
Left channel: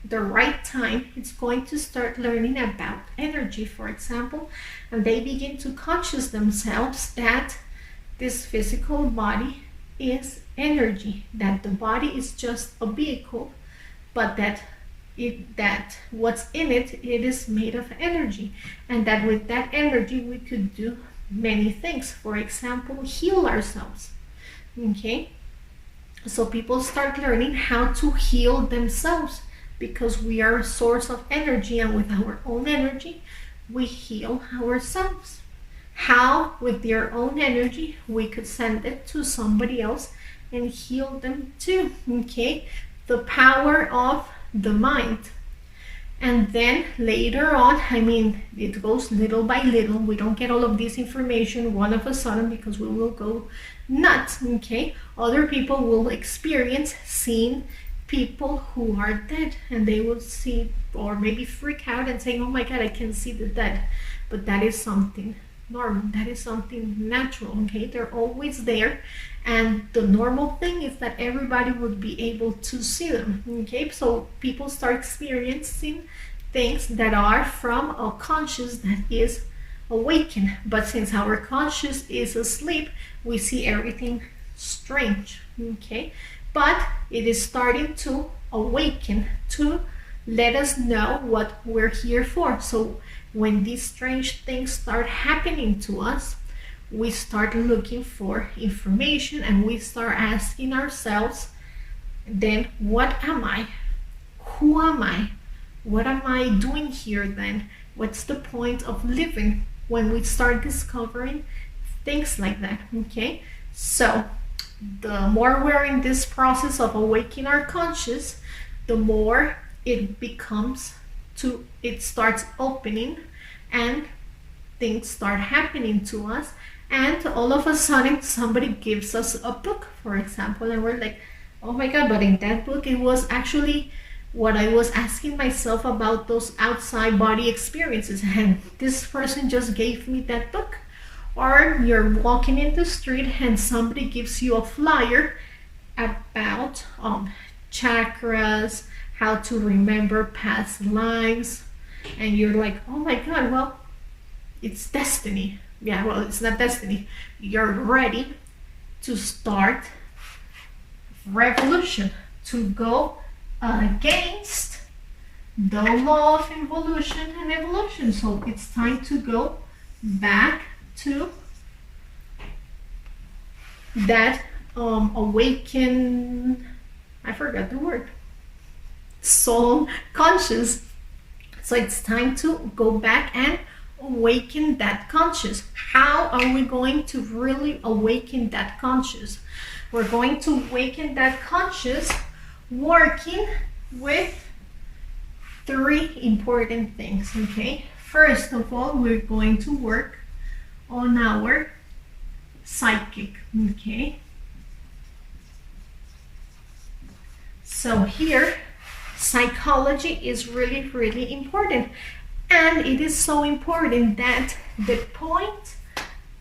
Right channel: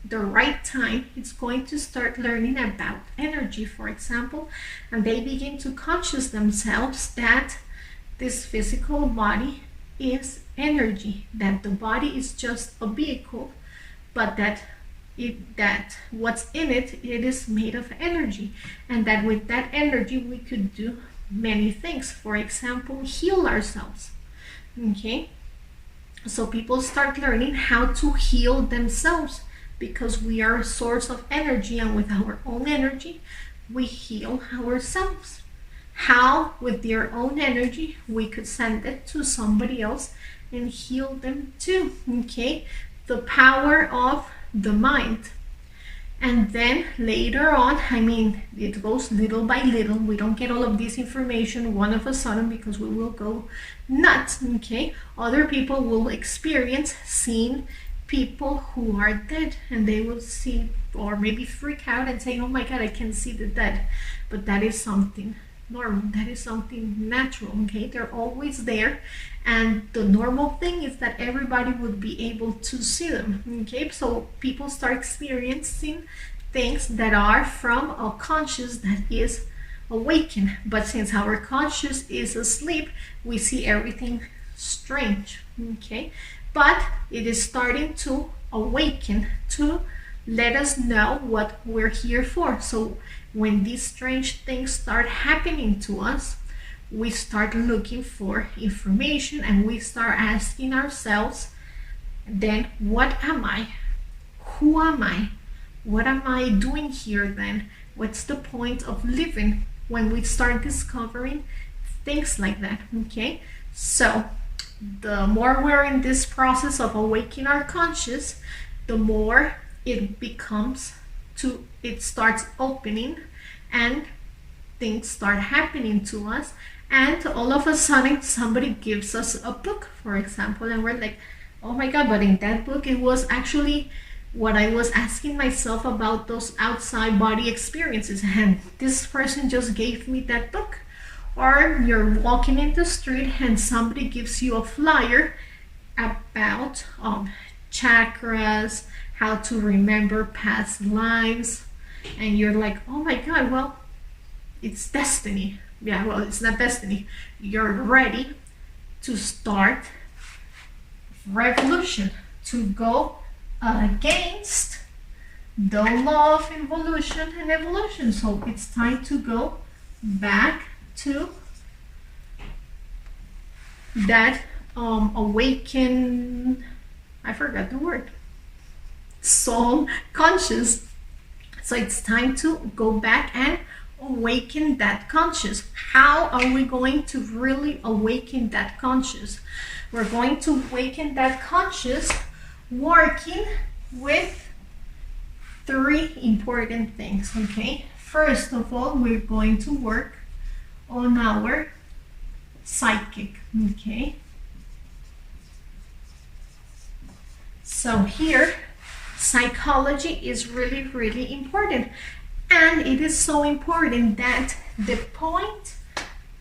the right time, it's going to start learning about energy, for example, and they begin to conscious themselves that this physical body is energy, that the body is just a vehicle, but that what's in it, it is made of energy, and that with that energy we could do many things. For example, heal ourselves. Okay, so people start learning how to heal themselves, because we are a source of energy, and with our own energy we heal ourselves. How? With their own energy we could send it to somebody else and heal them too. Okay, the power of the mind. And then later on, I mean, it goes little by little. We don't get all of this information one of a sudden, because we will go nuts. Okay, other people will experience seeing people who are dead, and they will see, or maybe freak out and say, oh my god, I can see the dead. But that is something normal, that is something natural. Okay, they're always there, and the normal thing is that everybody would be able to see them. Okay, so people start experiencing things that are from a conscious that is awakened. But since our conscious is asleep, we see everything strange. Okay, but it is starting to awaken to let us know what we're here for. So when these strange things start happening to us, we start looking for information, and we start asking ourselves, then what am I? Who am I? What am I doing here then? What's the point of living? When we start discovering things like that. Okay, so the more we're in this process of awakening our conscious, the more it becomes to, it starts opening, and things start happening to us, and all of a sudden somebody gives us a book, for example, and we're like, oh my god, but in that book it was actually what I was asking myself about, those outside body experiences, and this person just gave me that book. Or you're walking in the street and somebody gives you a flyer about chakras, how to remember past lives, and you're like, oh my god, well, it's destiny. Yeah, well, it's not destiny. You're ready to start revolution, to go against the law of involution and evolution. So it's time to go back to that awaken, I forgot the word, soul conscious. So it's time to go back and awaken that conscious. How are we going to really awaken that conscious? We're going to awaken that conscious working with three important things. Okay, first of all, we're going to work on our psychic. Okay, so here psychology is really, really important, and it is so important that the point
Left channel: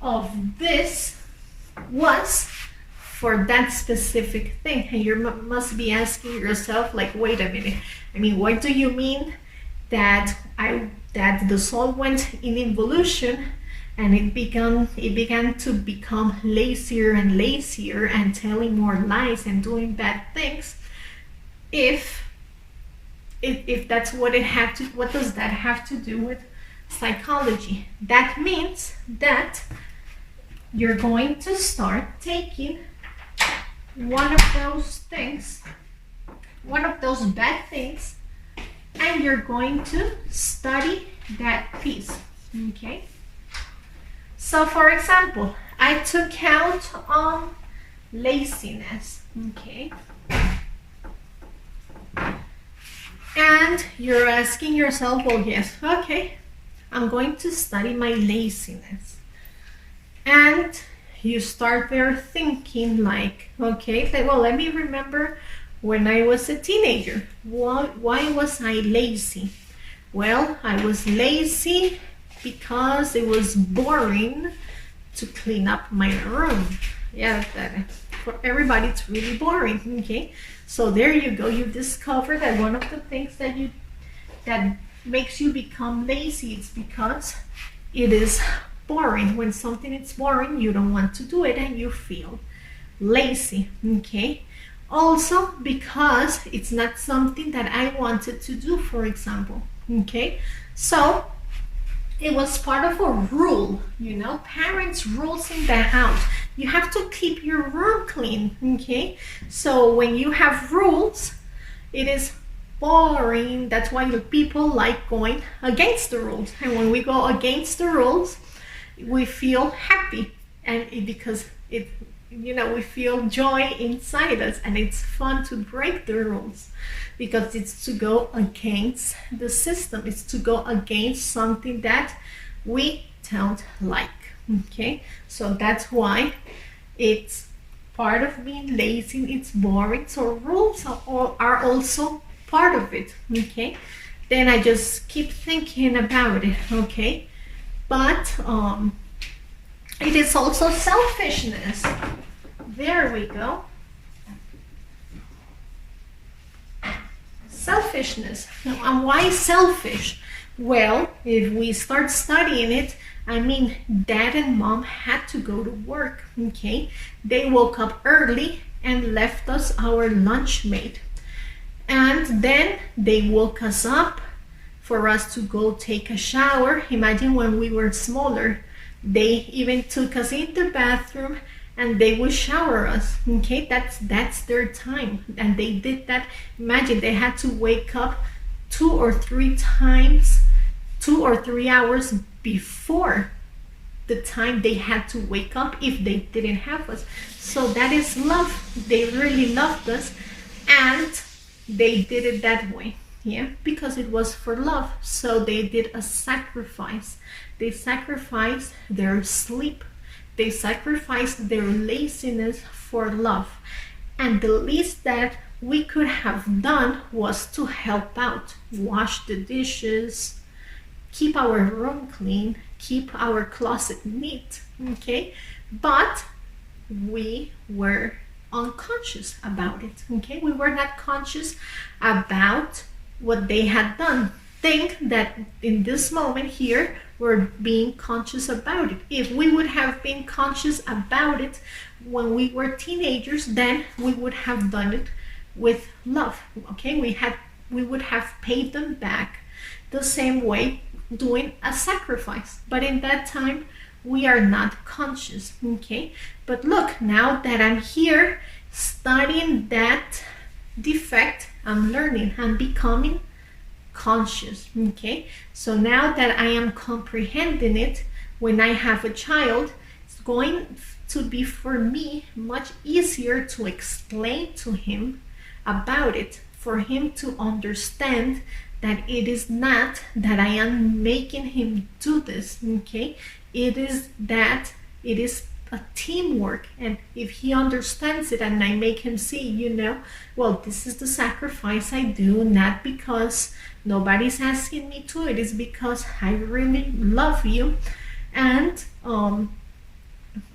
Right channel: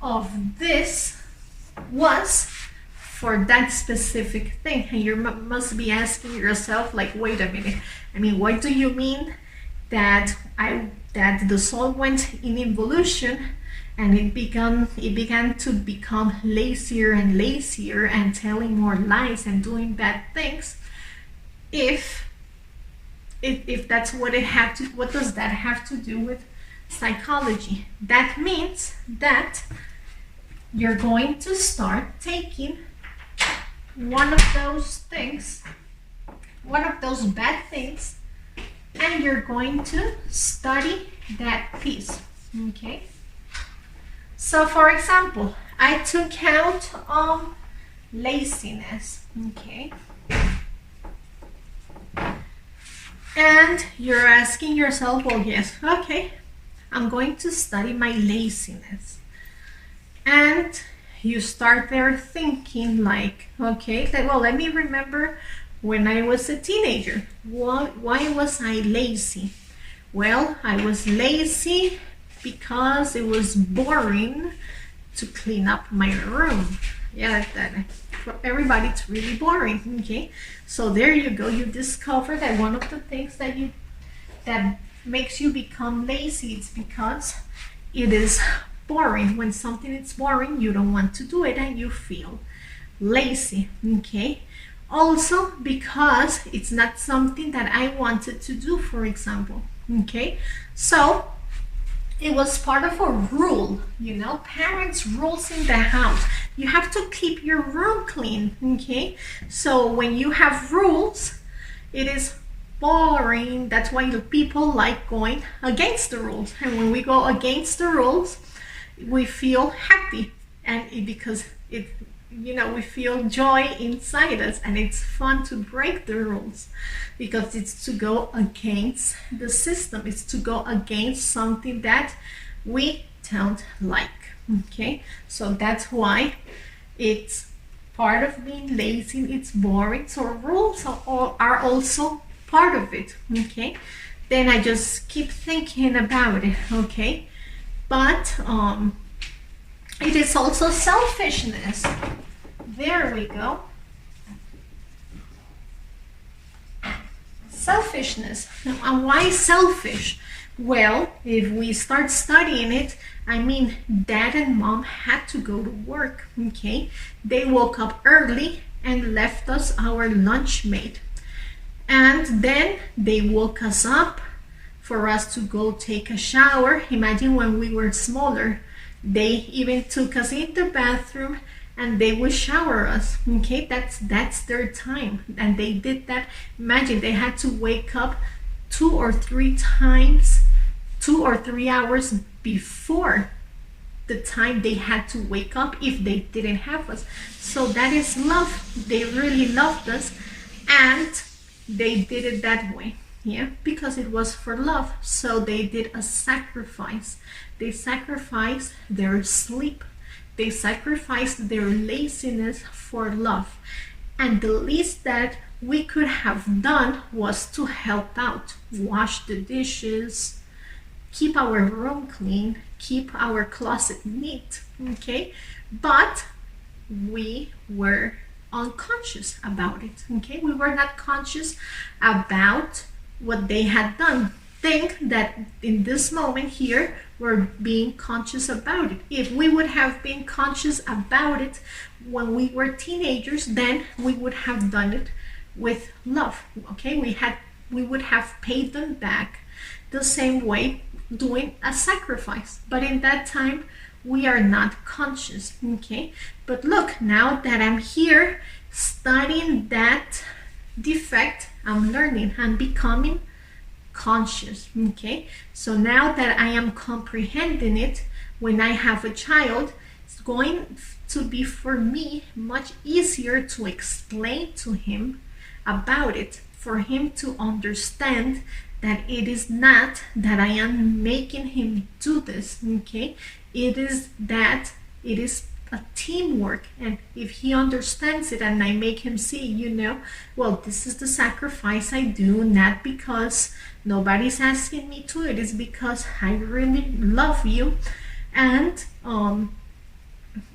of this was for that specific thing. And you must be asking yourself, like, wait a minute, I mean, what do you mean that the soul went in involution and it began to become lazier and lazier and telling more lies and doing bad things? If that's what it had to, what does that have to do with psychology? That means that you're going to start taking one of those things, one of those bad things, and you're going to study that piece. Okay, so for example, I took out on laziness. Okay, and you're asking yourself, well, yes, okay, I'm going to study my laziness. And you start there thinking like, okay, well, let me remember when I was a teenager. Why was I lazy? Well, I was lazy because it was boring to clean up my room. Yeah, that for everybody it's really boring. Okay, so there you go. You discover that one of the things that makes you become lazy, it's because it is boring. When something is boring, you don't want to do it and you feel lazy. Okay, also because it's not something that I wanted to do, for example. Okay, so it was part of a rule, you know, parents' rules in the house. You have to keep your room clean. Okay, so when you have rules, it is boring. That's why people like going against the rules, and when we go against the rules, we feel happy, and because we feel joy inside us, and it's fun to break the rules because it's to go against the system. It's to go against something that we don't like. Okay, so that's why it's part of being lazy. It's boring, so rules are also part of it. Okay, then I just keep thinking about it. Okay, but it is also selfishness. There we go. Selfishness. Now, and why selfish? Well, if we start studying it, I mean, dad and mom had to go to work, okay? They woke up early and left us our lunch mate. And then they woke us up for us to go take a shower. Imagine when we were smaller, they even took us in the bathroom and they would shower us. Okay, that's their time, and they did that. Imagine they had to wake up 2 or 3 times, 2 or 3 hours before the time they had to wake up if they didn't have us. So that is love. They really loved us, and they did it that way. Yeah, because it was for love. So they did a sacrifice. They sacrificed their sleep. They sacrificed their laziness for love. And the least that we could have done was to help out, wash the dishes, keep our room clean, keep our closet neat, okay? But we were unconscious about it, okay? We were not conscious about what they had done. Think that in this moment here, we're being conscious about it. If we would have been conscious about it when we were teenagers, then we would have done it with love, okay? We would have paid them back the same way, doing a sacrifice. But in that time, we are not conscious, okay? But look, now that I'm here studying that defect, I'm learning, I'm becoming conscious, okay? So now that I am comprehending it, when I have a child, it's going to be for me much easier to explain to him about it, for him to understand that it is not that I am making him do this, okay? It is that it is a teamwork, and if he understands it and I make him see, well, this is the sacrifice I do, not because nobody's asking me to, it is because I really love you, and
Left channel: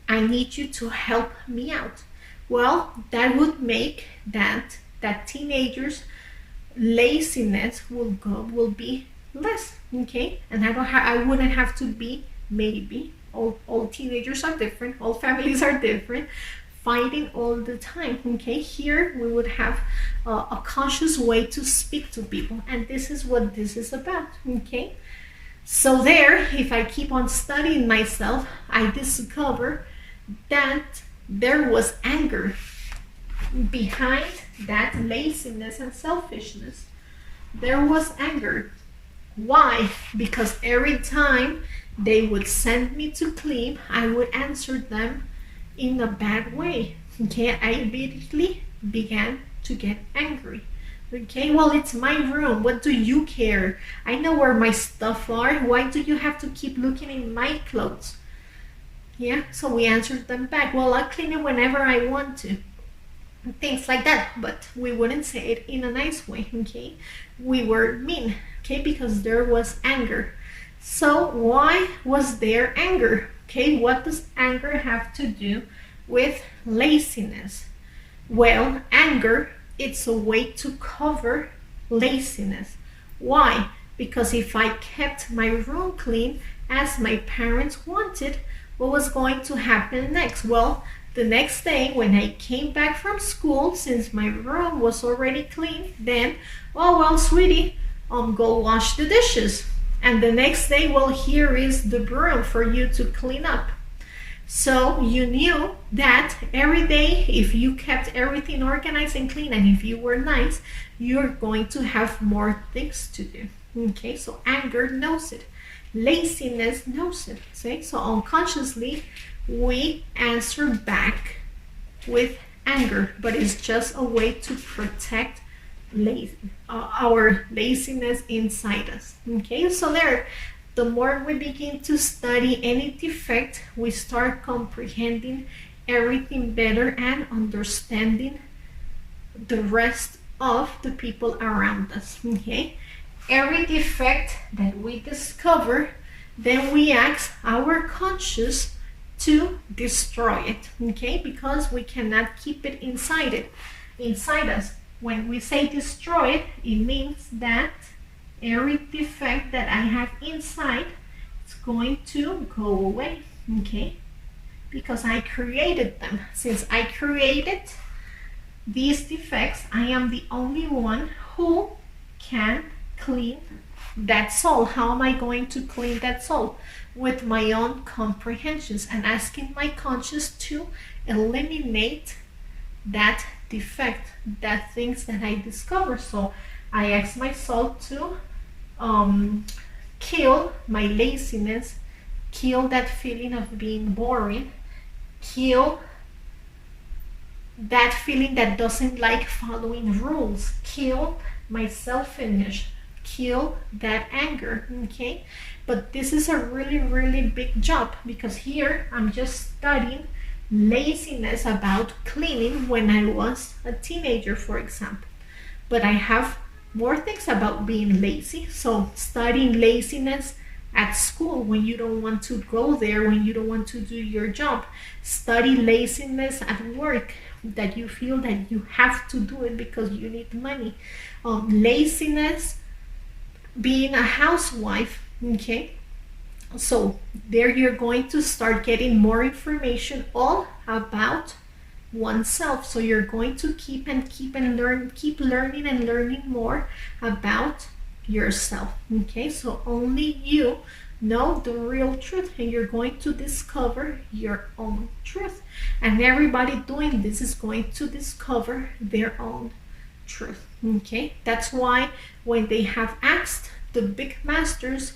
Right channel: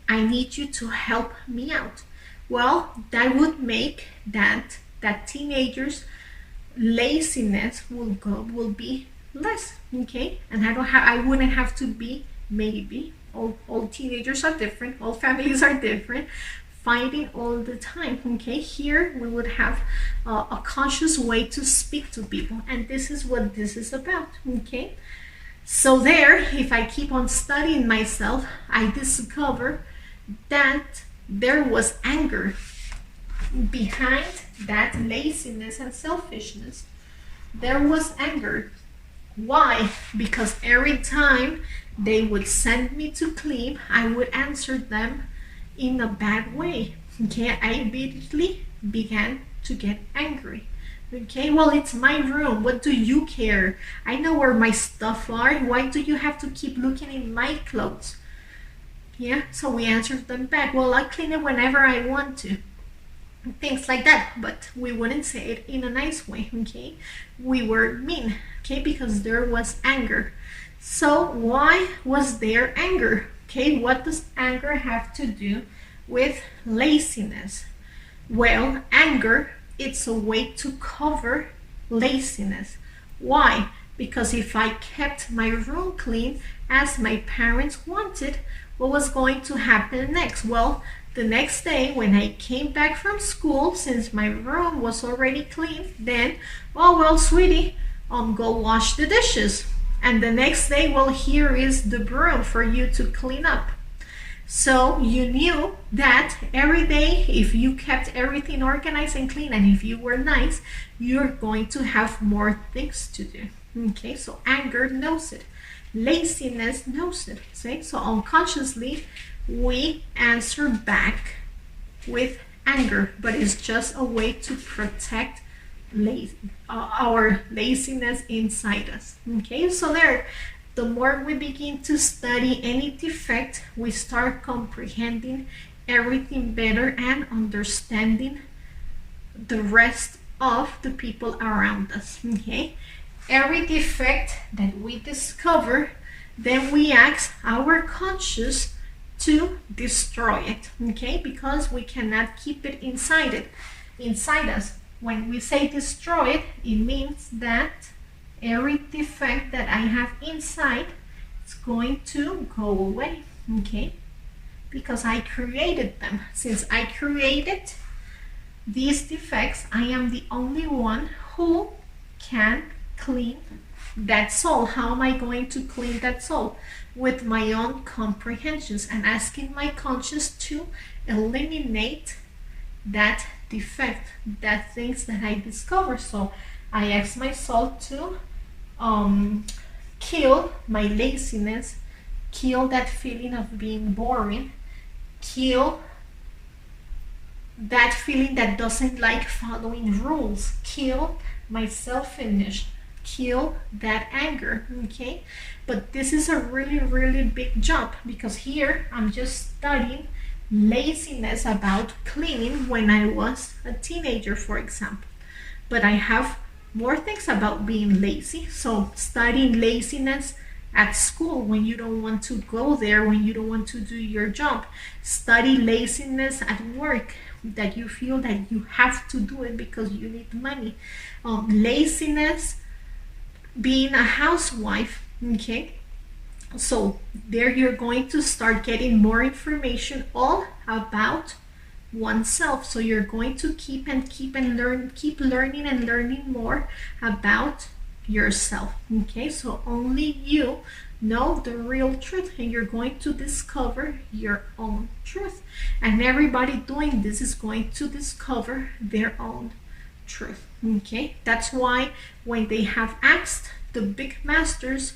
I need you to help me out. Well, that would make that teenagers' laziness will be less, okay? And I wouldn't have to be, maybe, all teenagers are different, all families are different, fighting all the time, okay? Here we would have a conscious way to speak to people, and this is what this is about, okay? So there, if I keep on studying myself, I discover that there was anger behind that laziness and selfishness. There was anger. Why? Because every time they would send me to clean, I would answer them in a bad way. Okay, I immediately began to get angry. Okay, well, it's my room. What do you care? I know where my stuff are. Why do you have to keep looking in my clothes? Yeah, so we answered them back. Well, I clean it whenever I want to. Things like that, but we wouldn't say it in a nice way, okay? We were mean, okay, because there was anger. So why was there anger? Okay, what does anger have to do with laziness? Well, anger, it's a way to cover laziness. Why? Because if I kept my room clean as my parents wanted, what was going to happen next? Well, the next day when I came back from school, since my room was already clean, then, oh, well, sweetie, go wash the dishes. And the next day, well, here is the broom for you to clean up. So you knew that every day, if you kept everything organized and clean, and if you were nice, you're going to have more things to do. Okay, so anger knows it. Laziness knows it. See? So unconsciously, we answer back with anger, but it's just a way to protect our laziness inside us. Okay, so there, the more we begin to study any defect, we start comprehending everything better and understanding the rest of the people around us. Okay, every defect that we discover, then we ask our conscious to destroy it. Okay, because we cannot keep it inside us. When we say destroy it, it means that every defect that I have inside is going to go away. Okay, because I created them. Since I created these defects, I am the only one who can clean that soul. How am I going to clean that soul? With my own comprehensions and asking my conscious to eliminate that defect, that things that I discover. So I ask my soul to kill my laziness, kill that feeling of being boring, kill that feeling that doesn't like following rules, kill my selfishness, kill that anger. Okay, but this is a really big job, because here I'm just studying laziness about cleaning when I was a teenager, for example, but I have more things about being lazy. So studying laziness at school when you don't want to go there, when you don't want to do your job. Study laziness at work, that you feel that you have to do it because you need money. Laziness being a housewife. Okay, so there you're going to start getting more information all about oneself. So you're going to keep learning and learning more about yourself. Okay, so only you know the real truth, and you're going to discover your own truth. And everybody doing this is going to discover their own truth. Okay, that's why when they have asked the big masters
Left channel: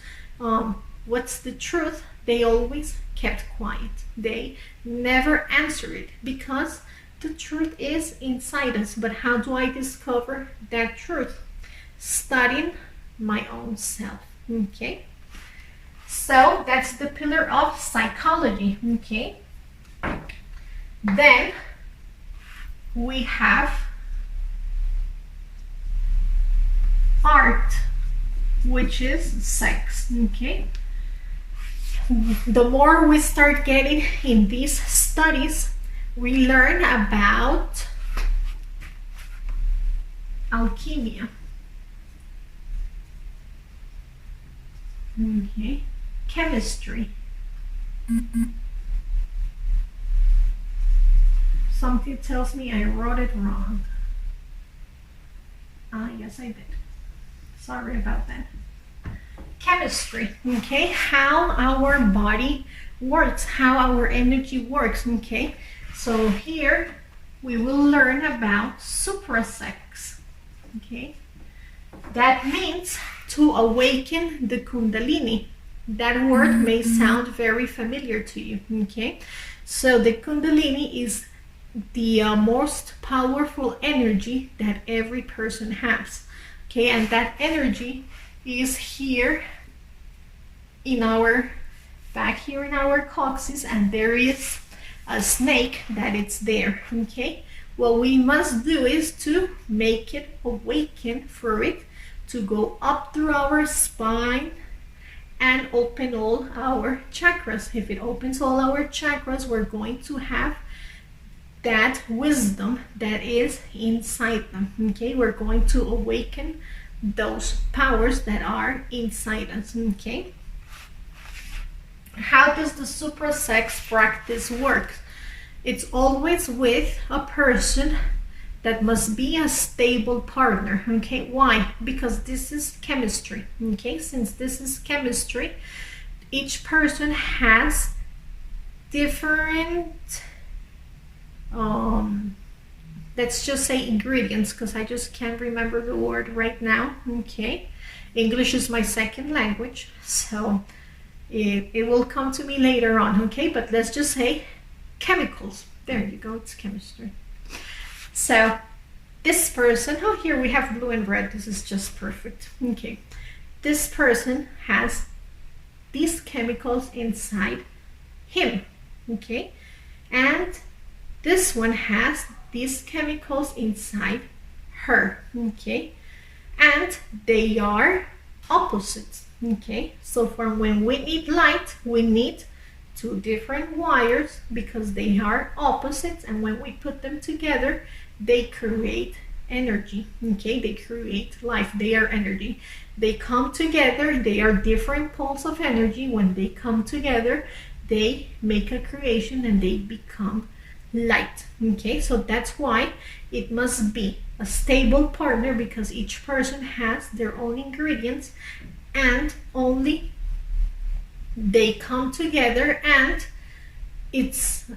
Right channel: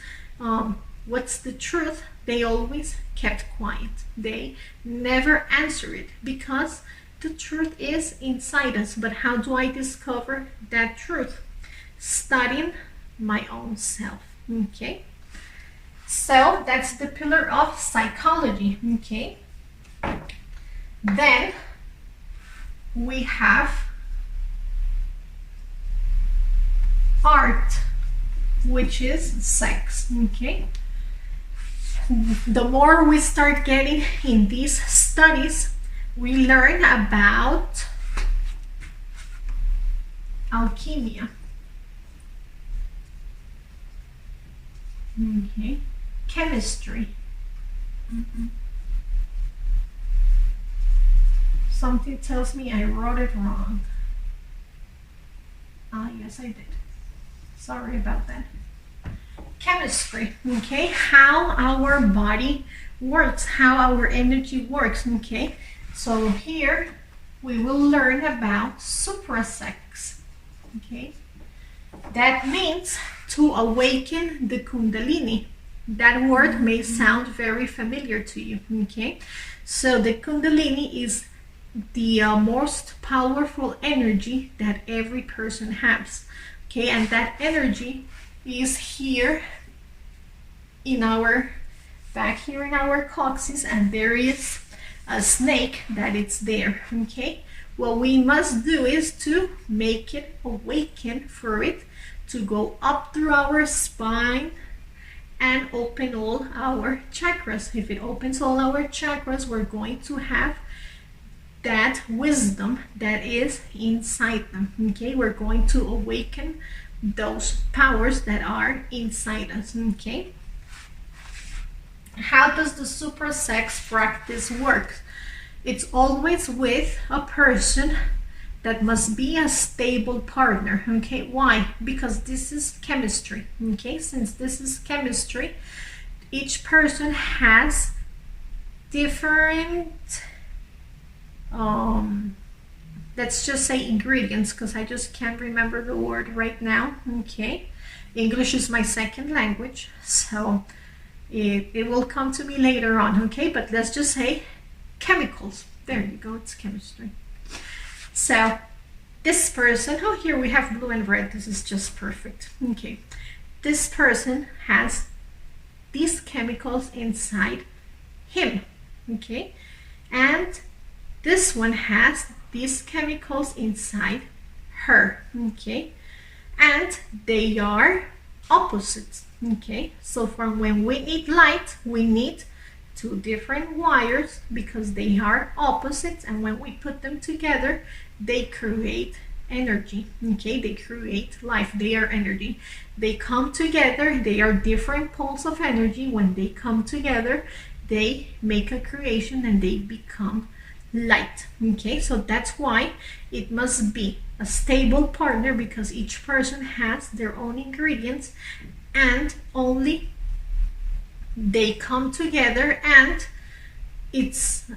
what's the truth, they always kept quiet. They never answered it, because the truth is inside us. But how do I discover that truth? Studying my own self. Okay, so that's the pillar of psychology. Okay, then we have art, which is sex. Okay, the more we start getting in these studies, we learn about alchemy. Okay, chemistry. Something tells me I wrote it wrong. Yes, I did. Sorry about that. Chemistry. Okay, how our body works, how our energy works. Okay, so here we will learn about Supra sex. Okay, that means to awaken the Kundalini. That word may sound very familiar to you. Okay, so the Kundalini is the most powerful energy that every person has. Okay, and that energy is here in our back here in our coccyx, and there is a snake that it's there. Okay, what we must do is to make it awaken, for it to go up through our spine and open all our chakras. If it opens all our chakras, we're going to have that wisdom that is inside them. Okay, we're going to awaken those powers that are inside us. Okay, how does the Supra sex practice work? It's always with a person that must be a stable partner. Okay, why? Because this is chemistry. Okay, since this is chemistry, each person has different let's just say ingredients, because I just can't remember the word right now. Okay, English is my second language, so it will come to me later on. Okay, but let's just say chemicals. There you go, it's chemistry. So this person, oh, here we have blue and red. This is just perfect. Okay. This person has these chemicals inside him. Okay. And this one has these chemicals inside her. Okay. And they are opposites. Okay. So from when we need light, we need two different wires because they are opposites, and when we put them together, they create energy. Okay, they create life. They are energy. They come together. They are different poles of energy. When they come together, they make a creation and they become light. Okay, so that's why it must be a stable partner, because each person has their own ingredients and only they come together, and it's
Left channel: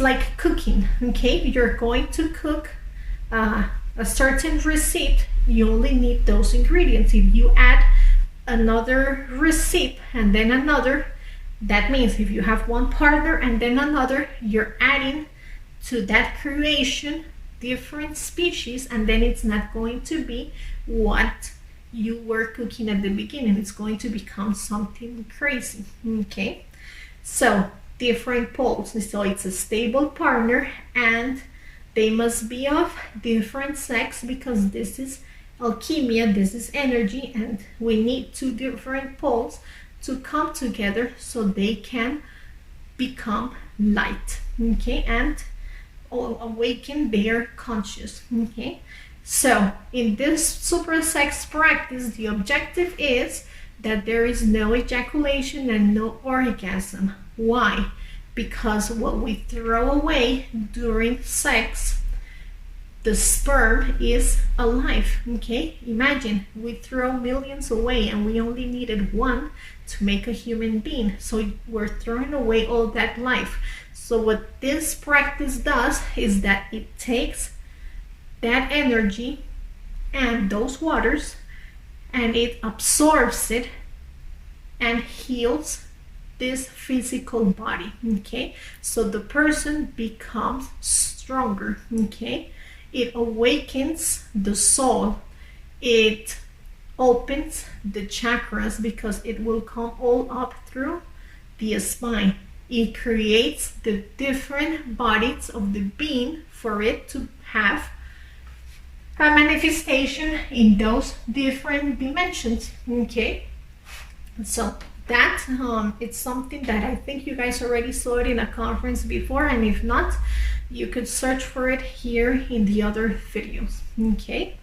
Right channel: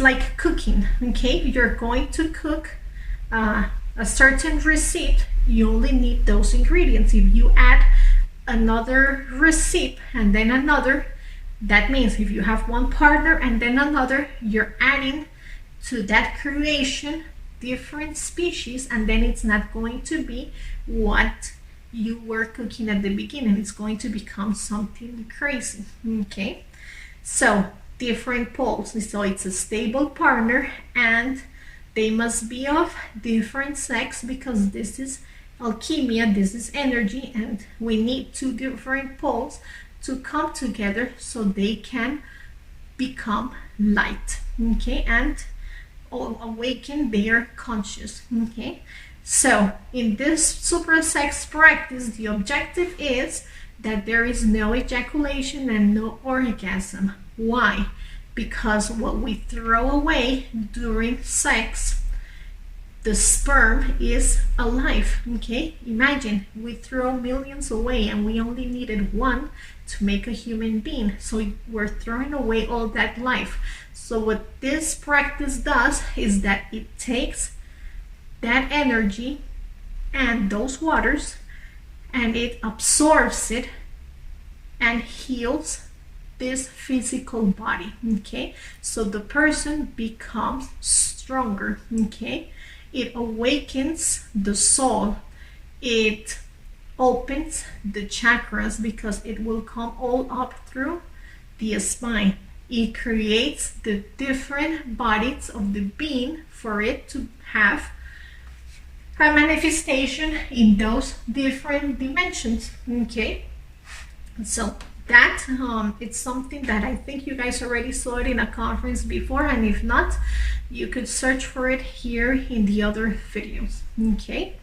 like cooking. Okay, you're going to cook a certain recipe. You only need those ingredients. If you add another recipe and then another, that means if you have one partner and then another, you're adding to that creation different species, and then it's not going to be what you were cooking at the beginning. It's going to become something crazy. Okay, so different poles. So it's a stable partner, and they must be of different sex, because this is alchemy, this is energy, and we need two different poles to come together so they can become light. Okay, and awaken their conscious. Okay, so in this supra sex practice, the objective is that there is no ejaculation and no orgasm. Why? Because what we throw away during sex, the sperm is alive. Okay, imagine we throw millions away and we only needed one to make a human being, so we're throwing away all that life. So what this practice does is that it takes that energy and those waters and it absorbs it and heals this physical body. Okay, so the person becomes stronger. Okay, it awakens the soul, it opens the chakras, because it will come all up through the spine. It creates the different bodies of the being for it to have a manifestation in those different dimensions. Okay, so that it's something that I think you guys already saw it in a conference before, and if not, you could search for it here in the other videos. Okay,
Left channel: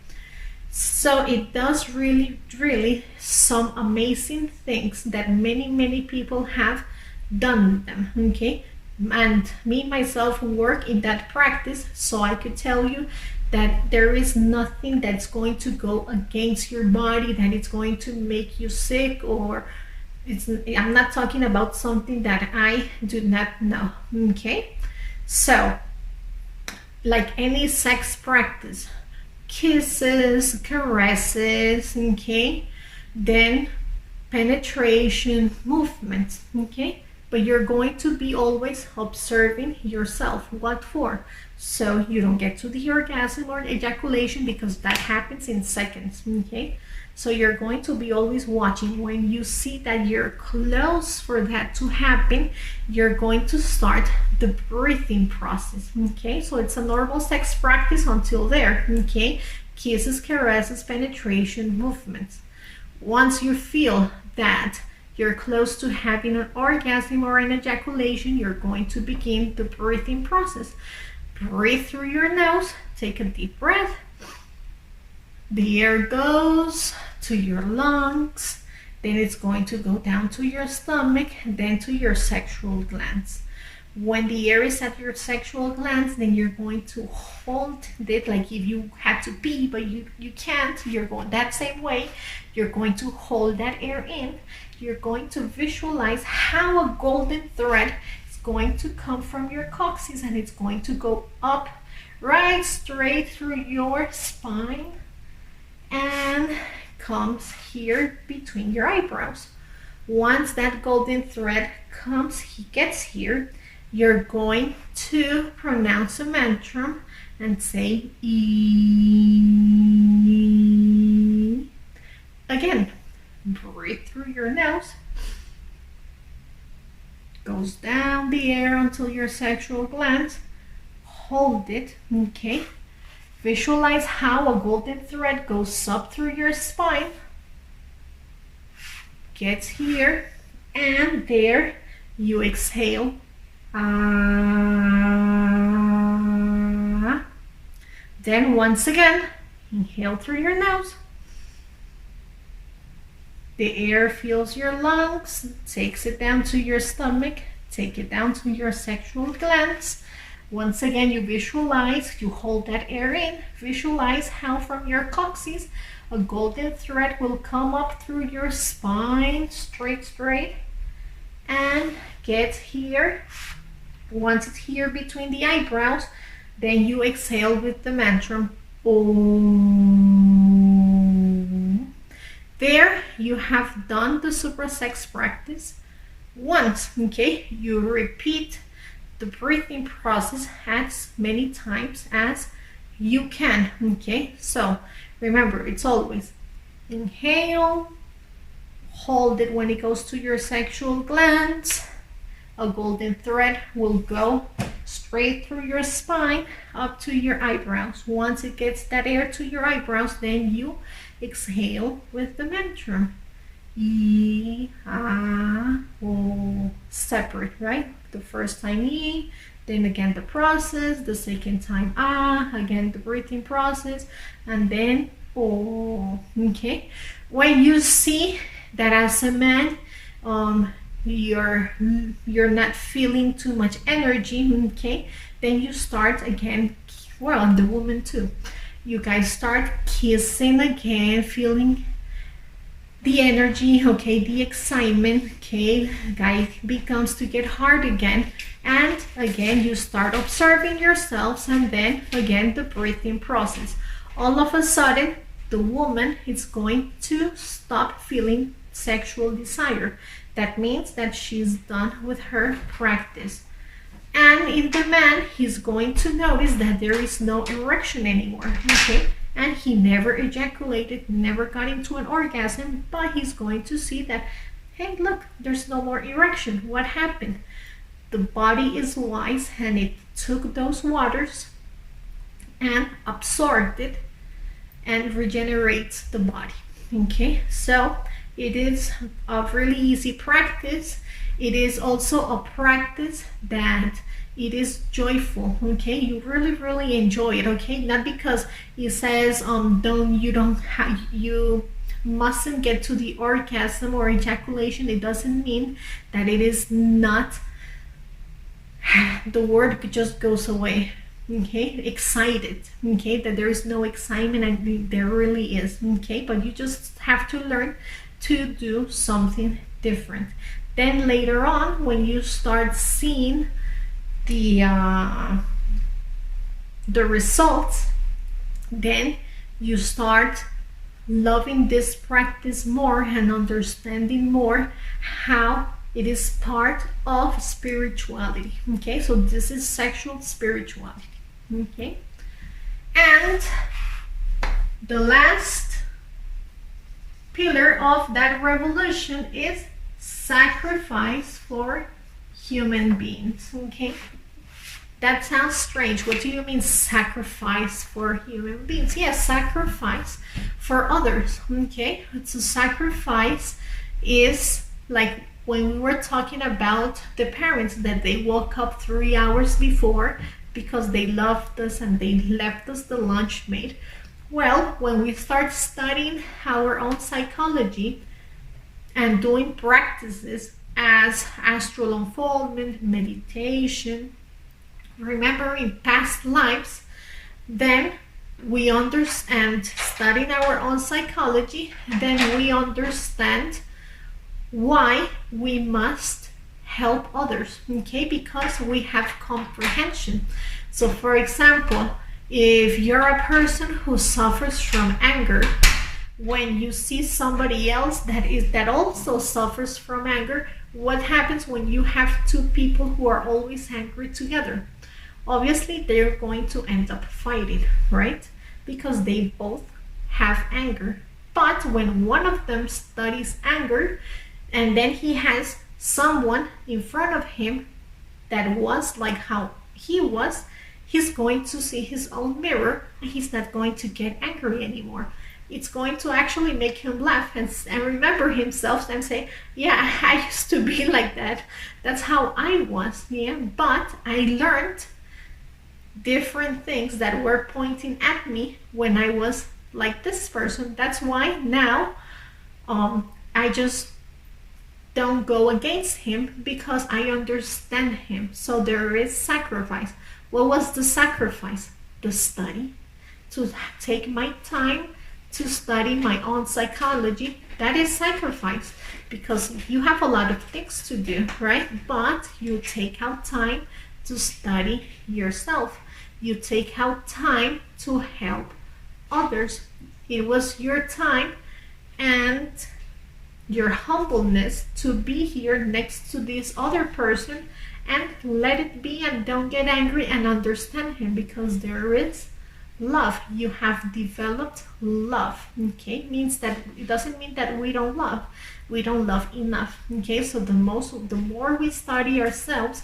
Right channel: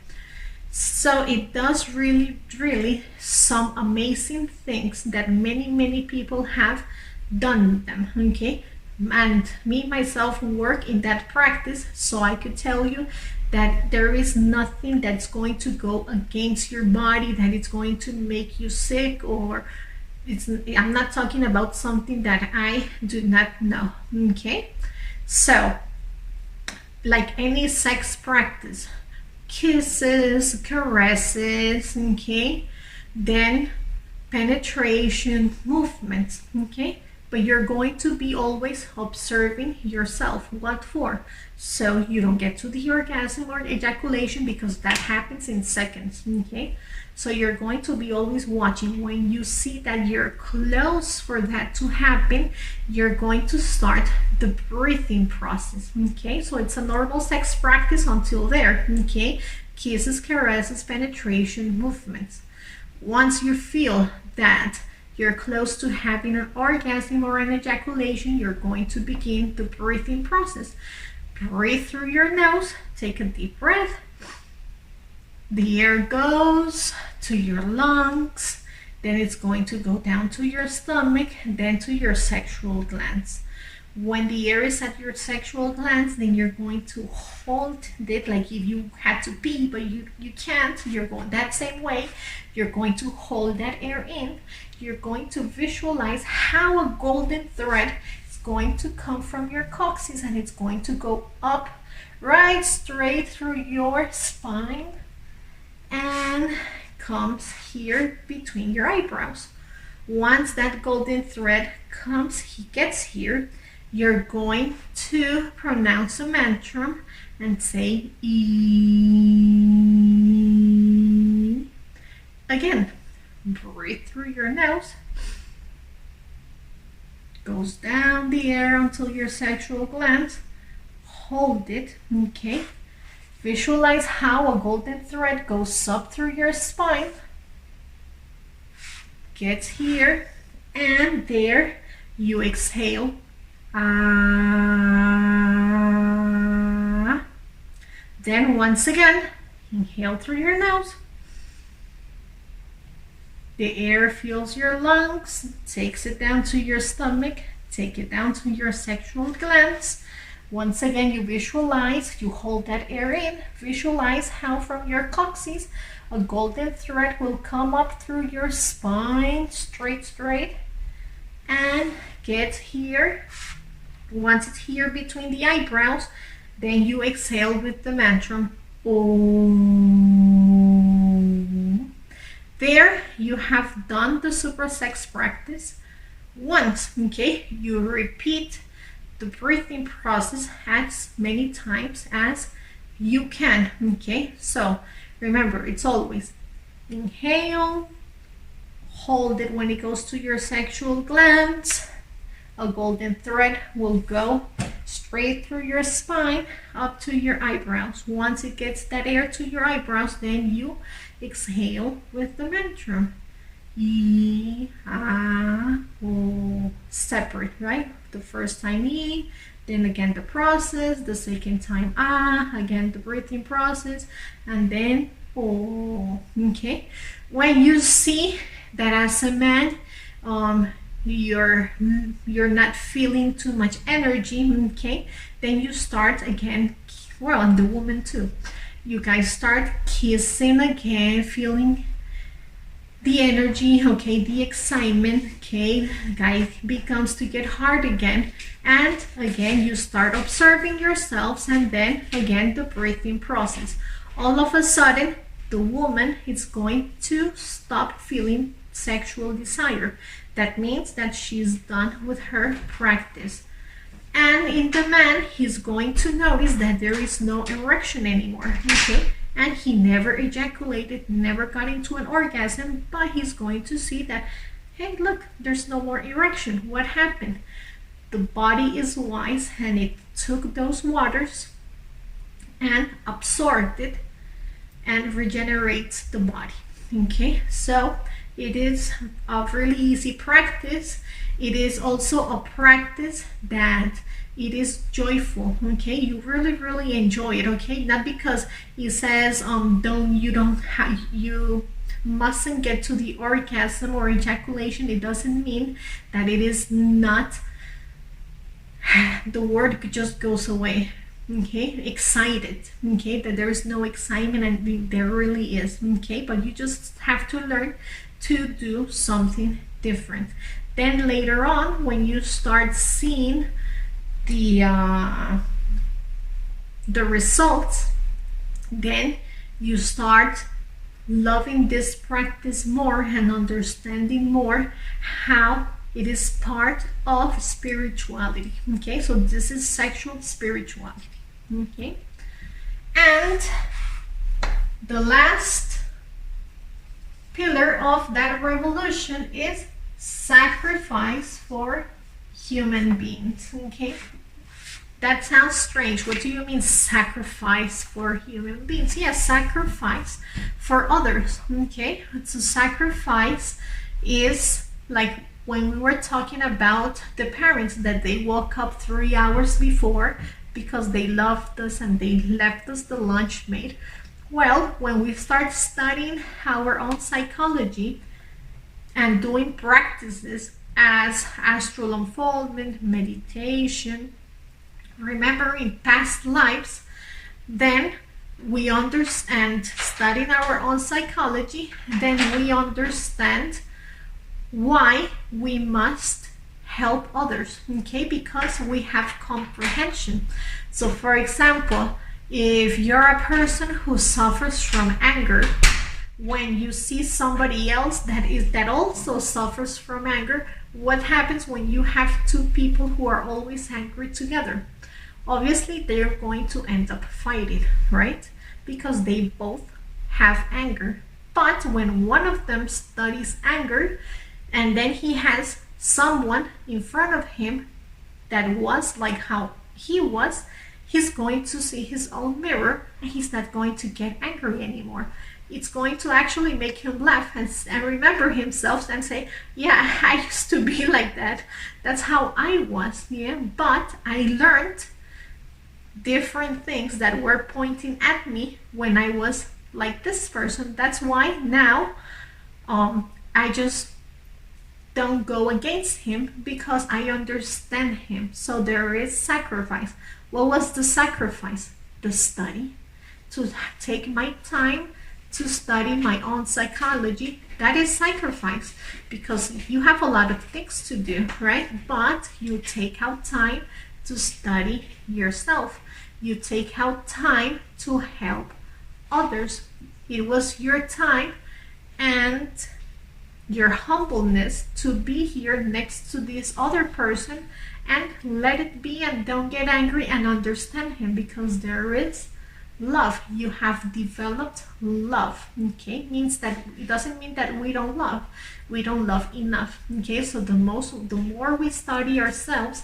so it does really some amazing things that many people have done with them. Okay, and me myself work in that practice, so I could tell you that there is nothing that's going to go against your body, that it's going to make you sick, or I'm not talking about something that I do not know. Okay, so like any sex practice, kisses, caresses, okay, then penetration, movements, okay, but you're going to be always observing yourself. What for? So you don't get to the orgasm or ejaculation, because that happens in seconds. Okay, so you're going to be always watching. When you see that you're close for that to happen, you're going to start the breathing process. Okay, so it's a normal sex practice until there. Okay, kisses, caresses, penetration, movements. Once you feel that you're close to having an orgasm or an ejaculation, you're going to begin the breathing process. Breathe through your nose, take a deep breath. The air goes to your lungs, then it's going to go down to your stomach, then to your sexual glands. When the air is at your sexual glands, then you're going to hold it, like if you had to pee but you can't, you're going that same way. You're going to hold that air in. You're going to visualize how a golden thread is going to come from your coccyx, and it's going to go up right straight through your spine and comes here between your eyebrows. Once that golden thread gets here, you're going to pronounce a mantra and say E. Again, breathe through your nose. Goes down the air until your sexual glands. Hold it, okay? Visualize how a golden thread goes up through your spine, gets here, and there you exhale. Ah. Then once again, inhale through your nose. The air fills your lungs, takes it down to your stomach, take it down to your sexual glands. Once again, you visualize, you hold that air in, visualize how from your coccyx a golden thread will come up through your spine, straight, and get here. Once it's here between the eyebrows, then you exhale with the mantra Om. There you have done the Supra sex practice once, okay? You repeat the breathing process as many times as you can, okay? So remember, it's always inhale, hold it when it goes to your sexual glands. A golden thread will go straight through your spine up to your eyebrows. Once it gets that air to your eyebrows, then you exhale with the mantra. E, A, O. Separate, right? The first time E, then again the process, the second time A, again the breathing process, and then O. Okay? When you see that as a man, you're not feeling too much energy, okay, then you start again, well, and the woman too, you guys start kissing again, feeling the energy, okay, the excitement, okay, guy becomes to get hard again, and again you start observing yourselves, and then again the breathing process. All of a sudden the woman is going to stop feeling sexual desire. That means that she's done with her practice. And in the man, he's going to notice that there is no erection anymore, okay? And he never ejaculated, never got into an orgasm, but he's going to see that, hey, look, there's no more erection. What happened? The body is wise, and it took those waters and absorbed it and regenerates the body, okay? So it is a really easy practice. It is also a practice that it is joyful, okay? You really enjoy it, okay? Not because it says you mustn't get to the orgasm or ejaculation. It doesn't mean that it is not, the word just goes away, okay? Excited, okay? That there is no excitement, and there really is, okay? But you just have to learn to do something different. Then later on, when you start seeing the results, then you start loving this practice more and understanding more how it is part of spirituality, okay? So this is sexual spirituality, okay? And the last pillar of that revolution is sacrifice for human beings, okay? That sounds strange. What do you mean sacrifice for human beings? Yes, sacrifice for others, okay? So sacrifice is like when we were talking about the parents that they woke up 3 hours before because they loved us and they left us the lunch made. Well, when we start studying our own psychology and doing practices as astral unfoldment, meditation, remembering past lives, then we understand, studying our own psychology, then we understand why we must help others, okay? Because we have comprehension. So for example, if you're a person who suffers from anger, when you see somebody else that also suffers from anger, what happens when you have two people who are always angry together? Obviously, they're going to end up fighting, right? Because they both have anger. But when one of them studies anger, and then he has someone in front of him that was like how he was, he's going to see his own mirror, and he's not going to get angry anymore. It's going to actually make him laugh and remember himself and say, yeah, I used to be like that. That's how I was, yeah. But I learned different things that were pointing at me when I was like this person. That's why now I just don't go against him, because I understand him. So there is sacrifice. What was the sacrifice? The study. To take my time to study my own psychology. That is sacrifice, because you have a lot of things to do, right? But you take out time to study yourself. You take out time to help others. It was your time and your humbleness to be here next to this other person and let it be, and don't get angry, and understand him, because there is love. You have developed love, okay? Means that it doesn't mean that we don't love enough, okay? So the more we study ourselves,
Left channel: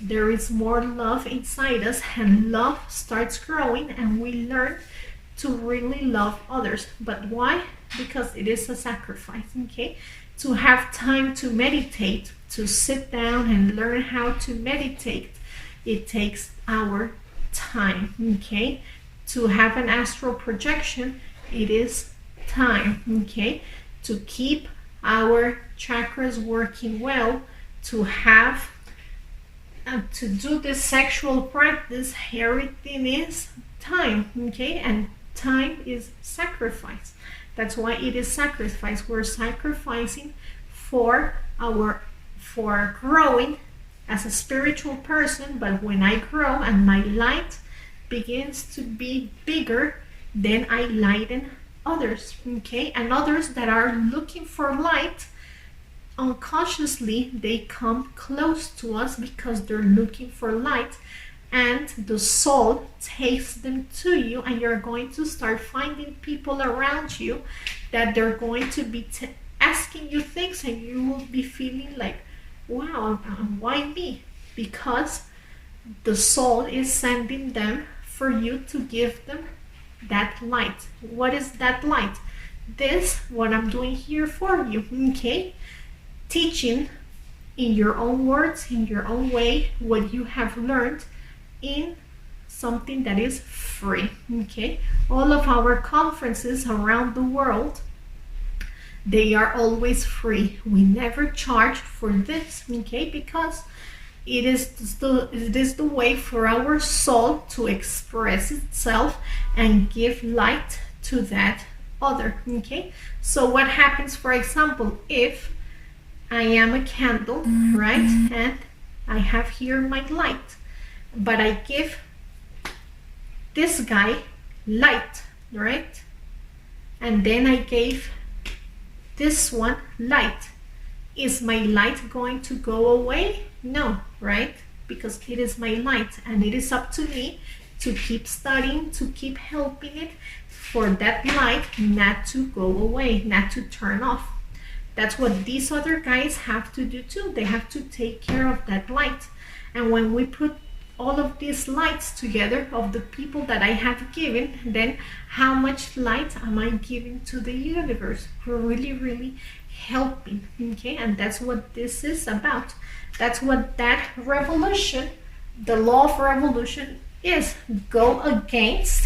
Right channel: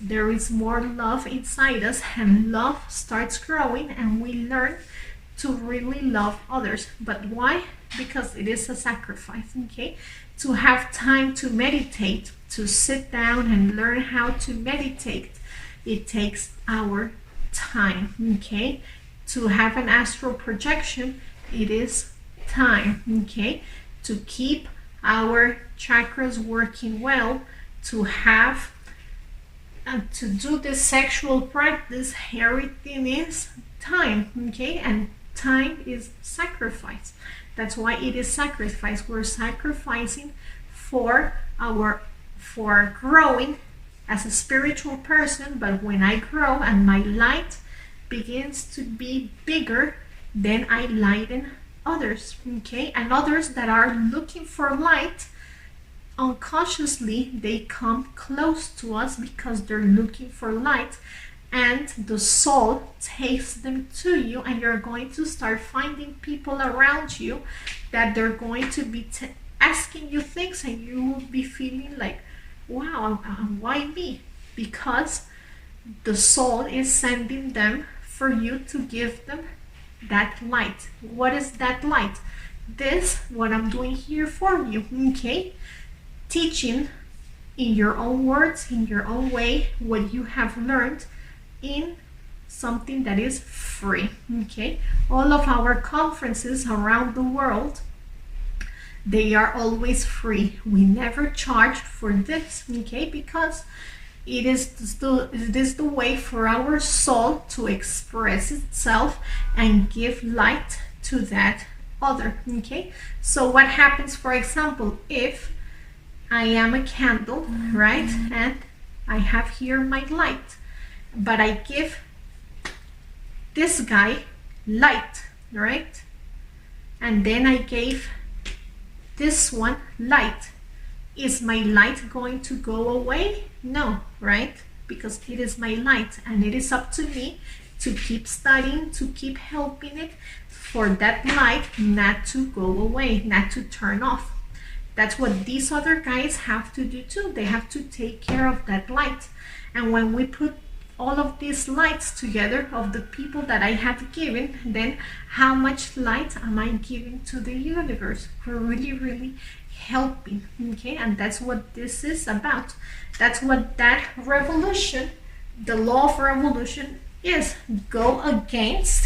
there is more love inside us, and love starts growing, and we learn to really love others. But why? Because it is a sacrifice, okay? To have time to meditate, to sit down and learn how to meditate, it takes our time, okay? To have an astral projection, it is time, okay? To keep our chakras working well, to have to do this sexual practice, everything is time, okay? And time is sacrifice. That's why it is sacrifice. We're sacrificing for growing as a spiritual person. But when I grow and my light begins to be bigger, then I lighten others, okay? And others that are looking for light, unconsciously they come close to us because they're looking for light, and the soul takes them to you, and you're going to start finding people around you that they're going to be asking you things, and you will be feeling like, wow, why me? Because the soul is sending them for you to give them that light. What is that light? This, what I'm doing here for you, okay? Teaching in your own words, in your own way, what you have learned in something that is free, okay? All of our conferences around the world, they are always free. We never charge for this, okay? Because it is the way for our soul to express itself and give light to that other, okay? So what happens, for example, if I am a candle, right? And I have here my light, but I give this guy light, right? And then I gave this one light. Is my light going to go away? No, right? Because it is my light, and it is up to me to keep studying, to keep helping it, for that light not to go away, not to turn off. That's what these other guys have to do too. They have to take care of that light. And when we put all of these lights together of the people that I have given, then how much light am I giving to the universe? We're really, really helping, okay? And that's what this is about. That's what that revolution, the law of revolution, is. Go against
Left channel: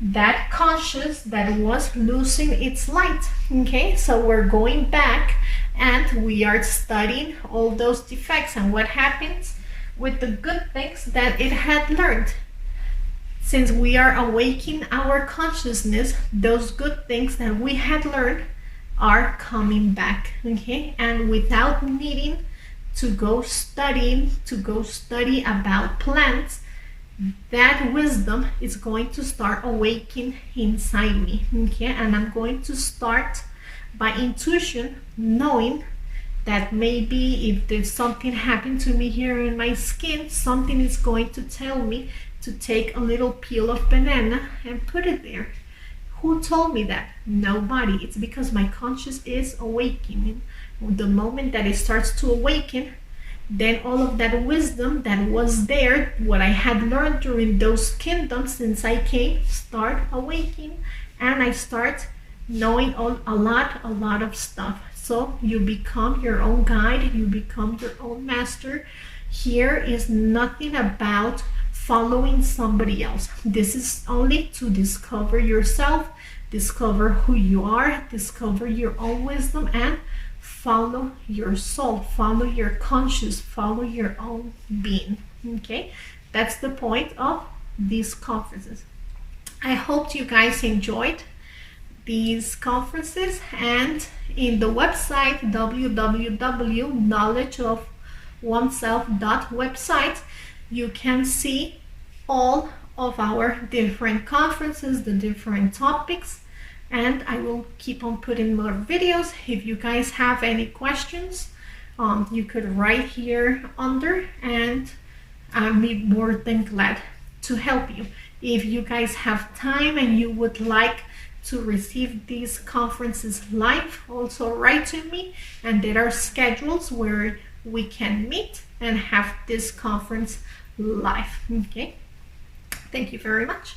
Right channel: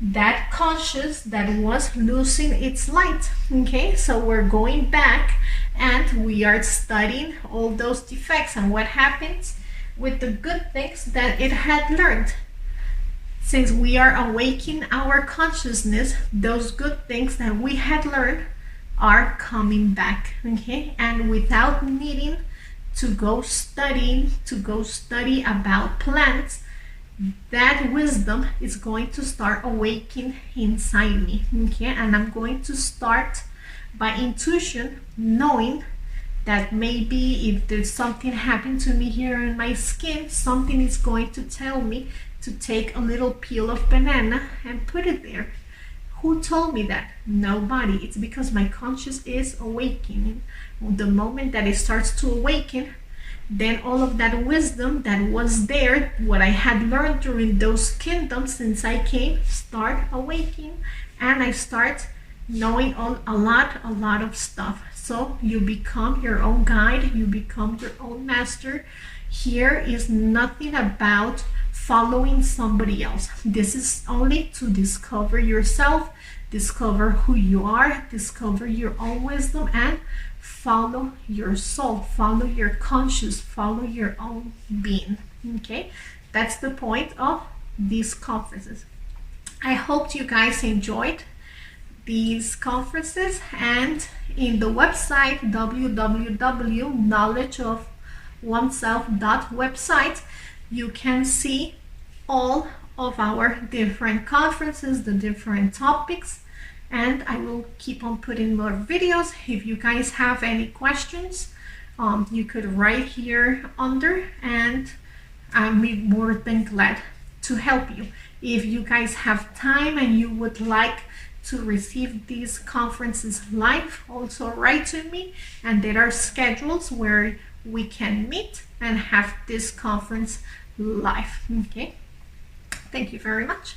that conscious that was losing its light, okay? So we're going back and we are studying all those defects and what happens with the good things that it had learned. Since we are awakening our consciousness, those good things that we had learned are coming back, okay? And without needing to go study about plants, that wisdom is going to start awakening inside me. Okay, and I'm going to start by intuition, knowing that maybe if there's something happened to me here in my skin, something is going to tell me to take a little peel of banana and put it there. Who told me that? Nobody. It's because my conscious is awakening. The moment that it starts to awaken, then all of that wisdom that was there, what I had learned during those kingdoms since I came, start awakening, and I start knowing a lot of stuff. So you become your own guide, you become your own master. Here is nothing about following somebody else. This is only to discover yourself, discover who you are, discover your own wisdom, and follow your soul, follow your conscious, follow your own being. Okay, that's the point of these conferences. I hope you guys enjoyed these conferences, and in the website www.knowledgeofoneself.website you can see all of our different conferences, the different topics, and I will keep on putting more videos. If you guys have any questions, you could write here under, and I'll be more than glad to help you. If you guys have time and you would like to receive these conferences live, also write to me, and there are schedules where we can meet and have this conference live. Okay, thank you very much.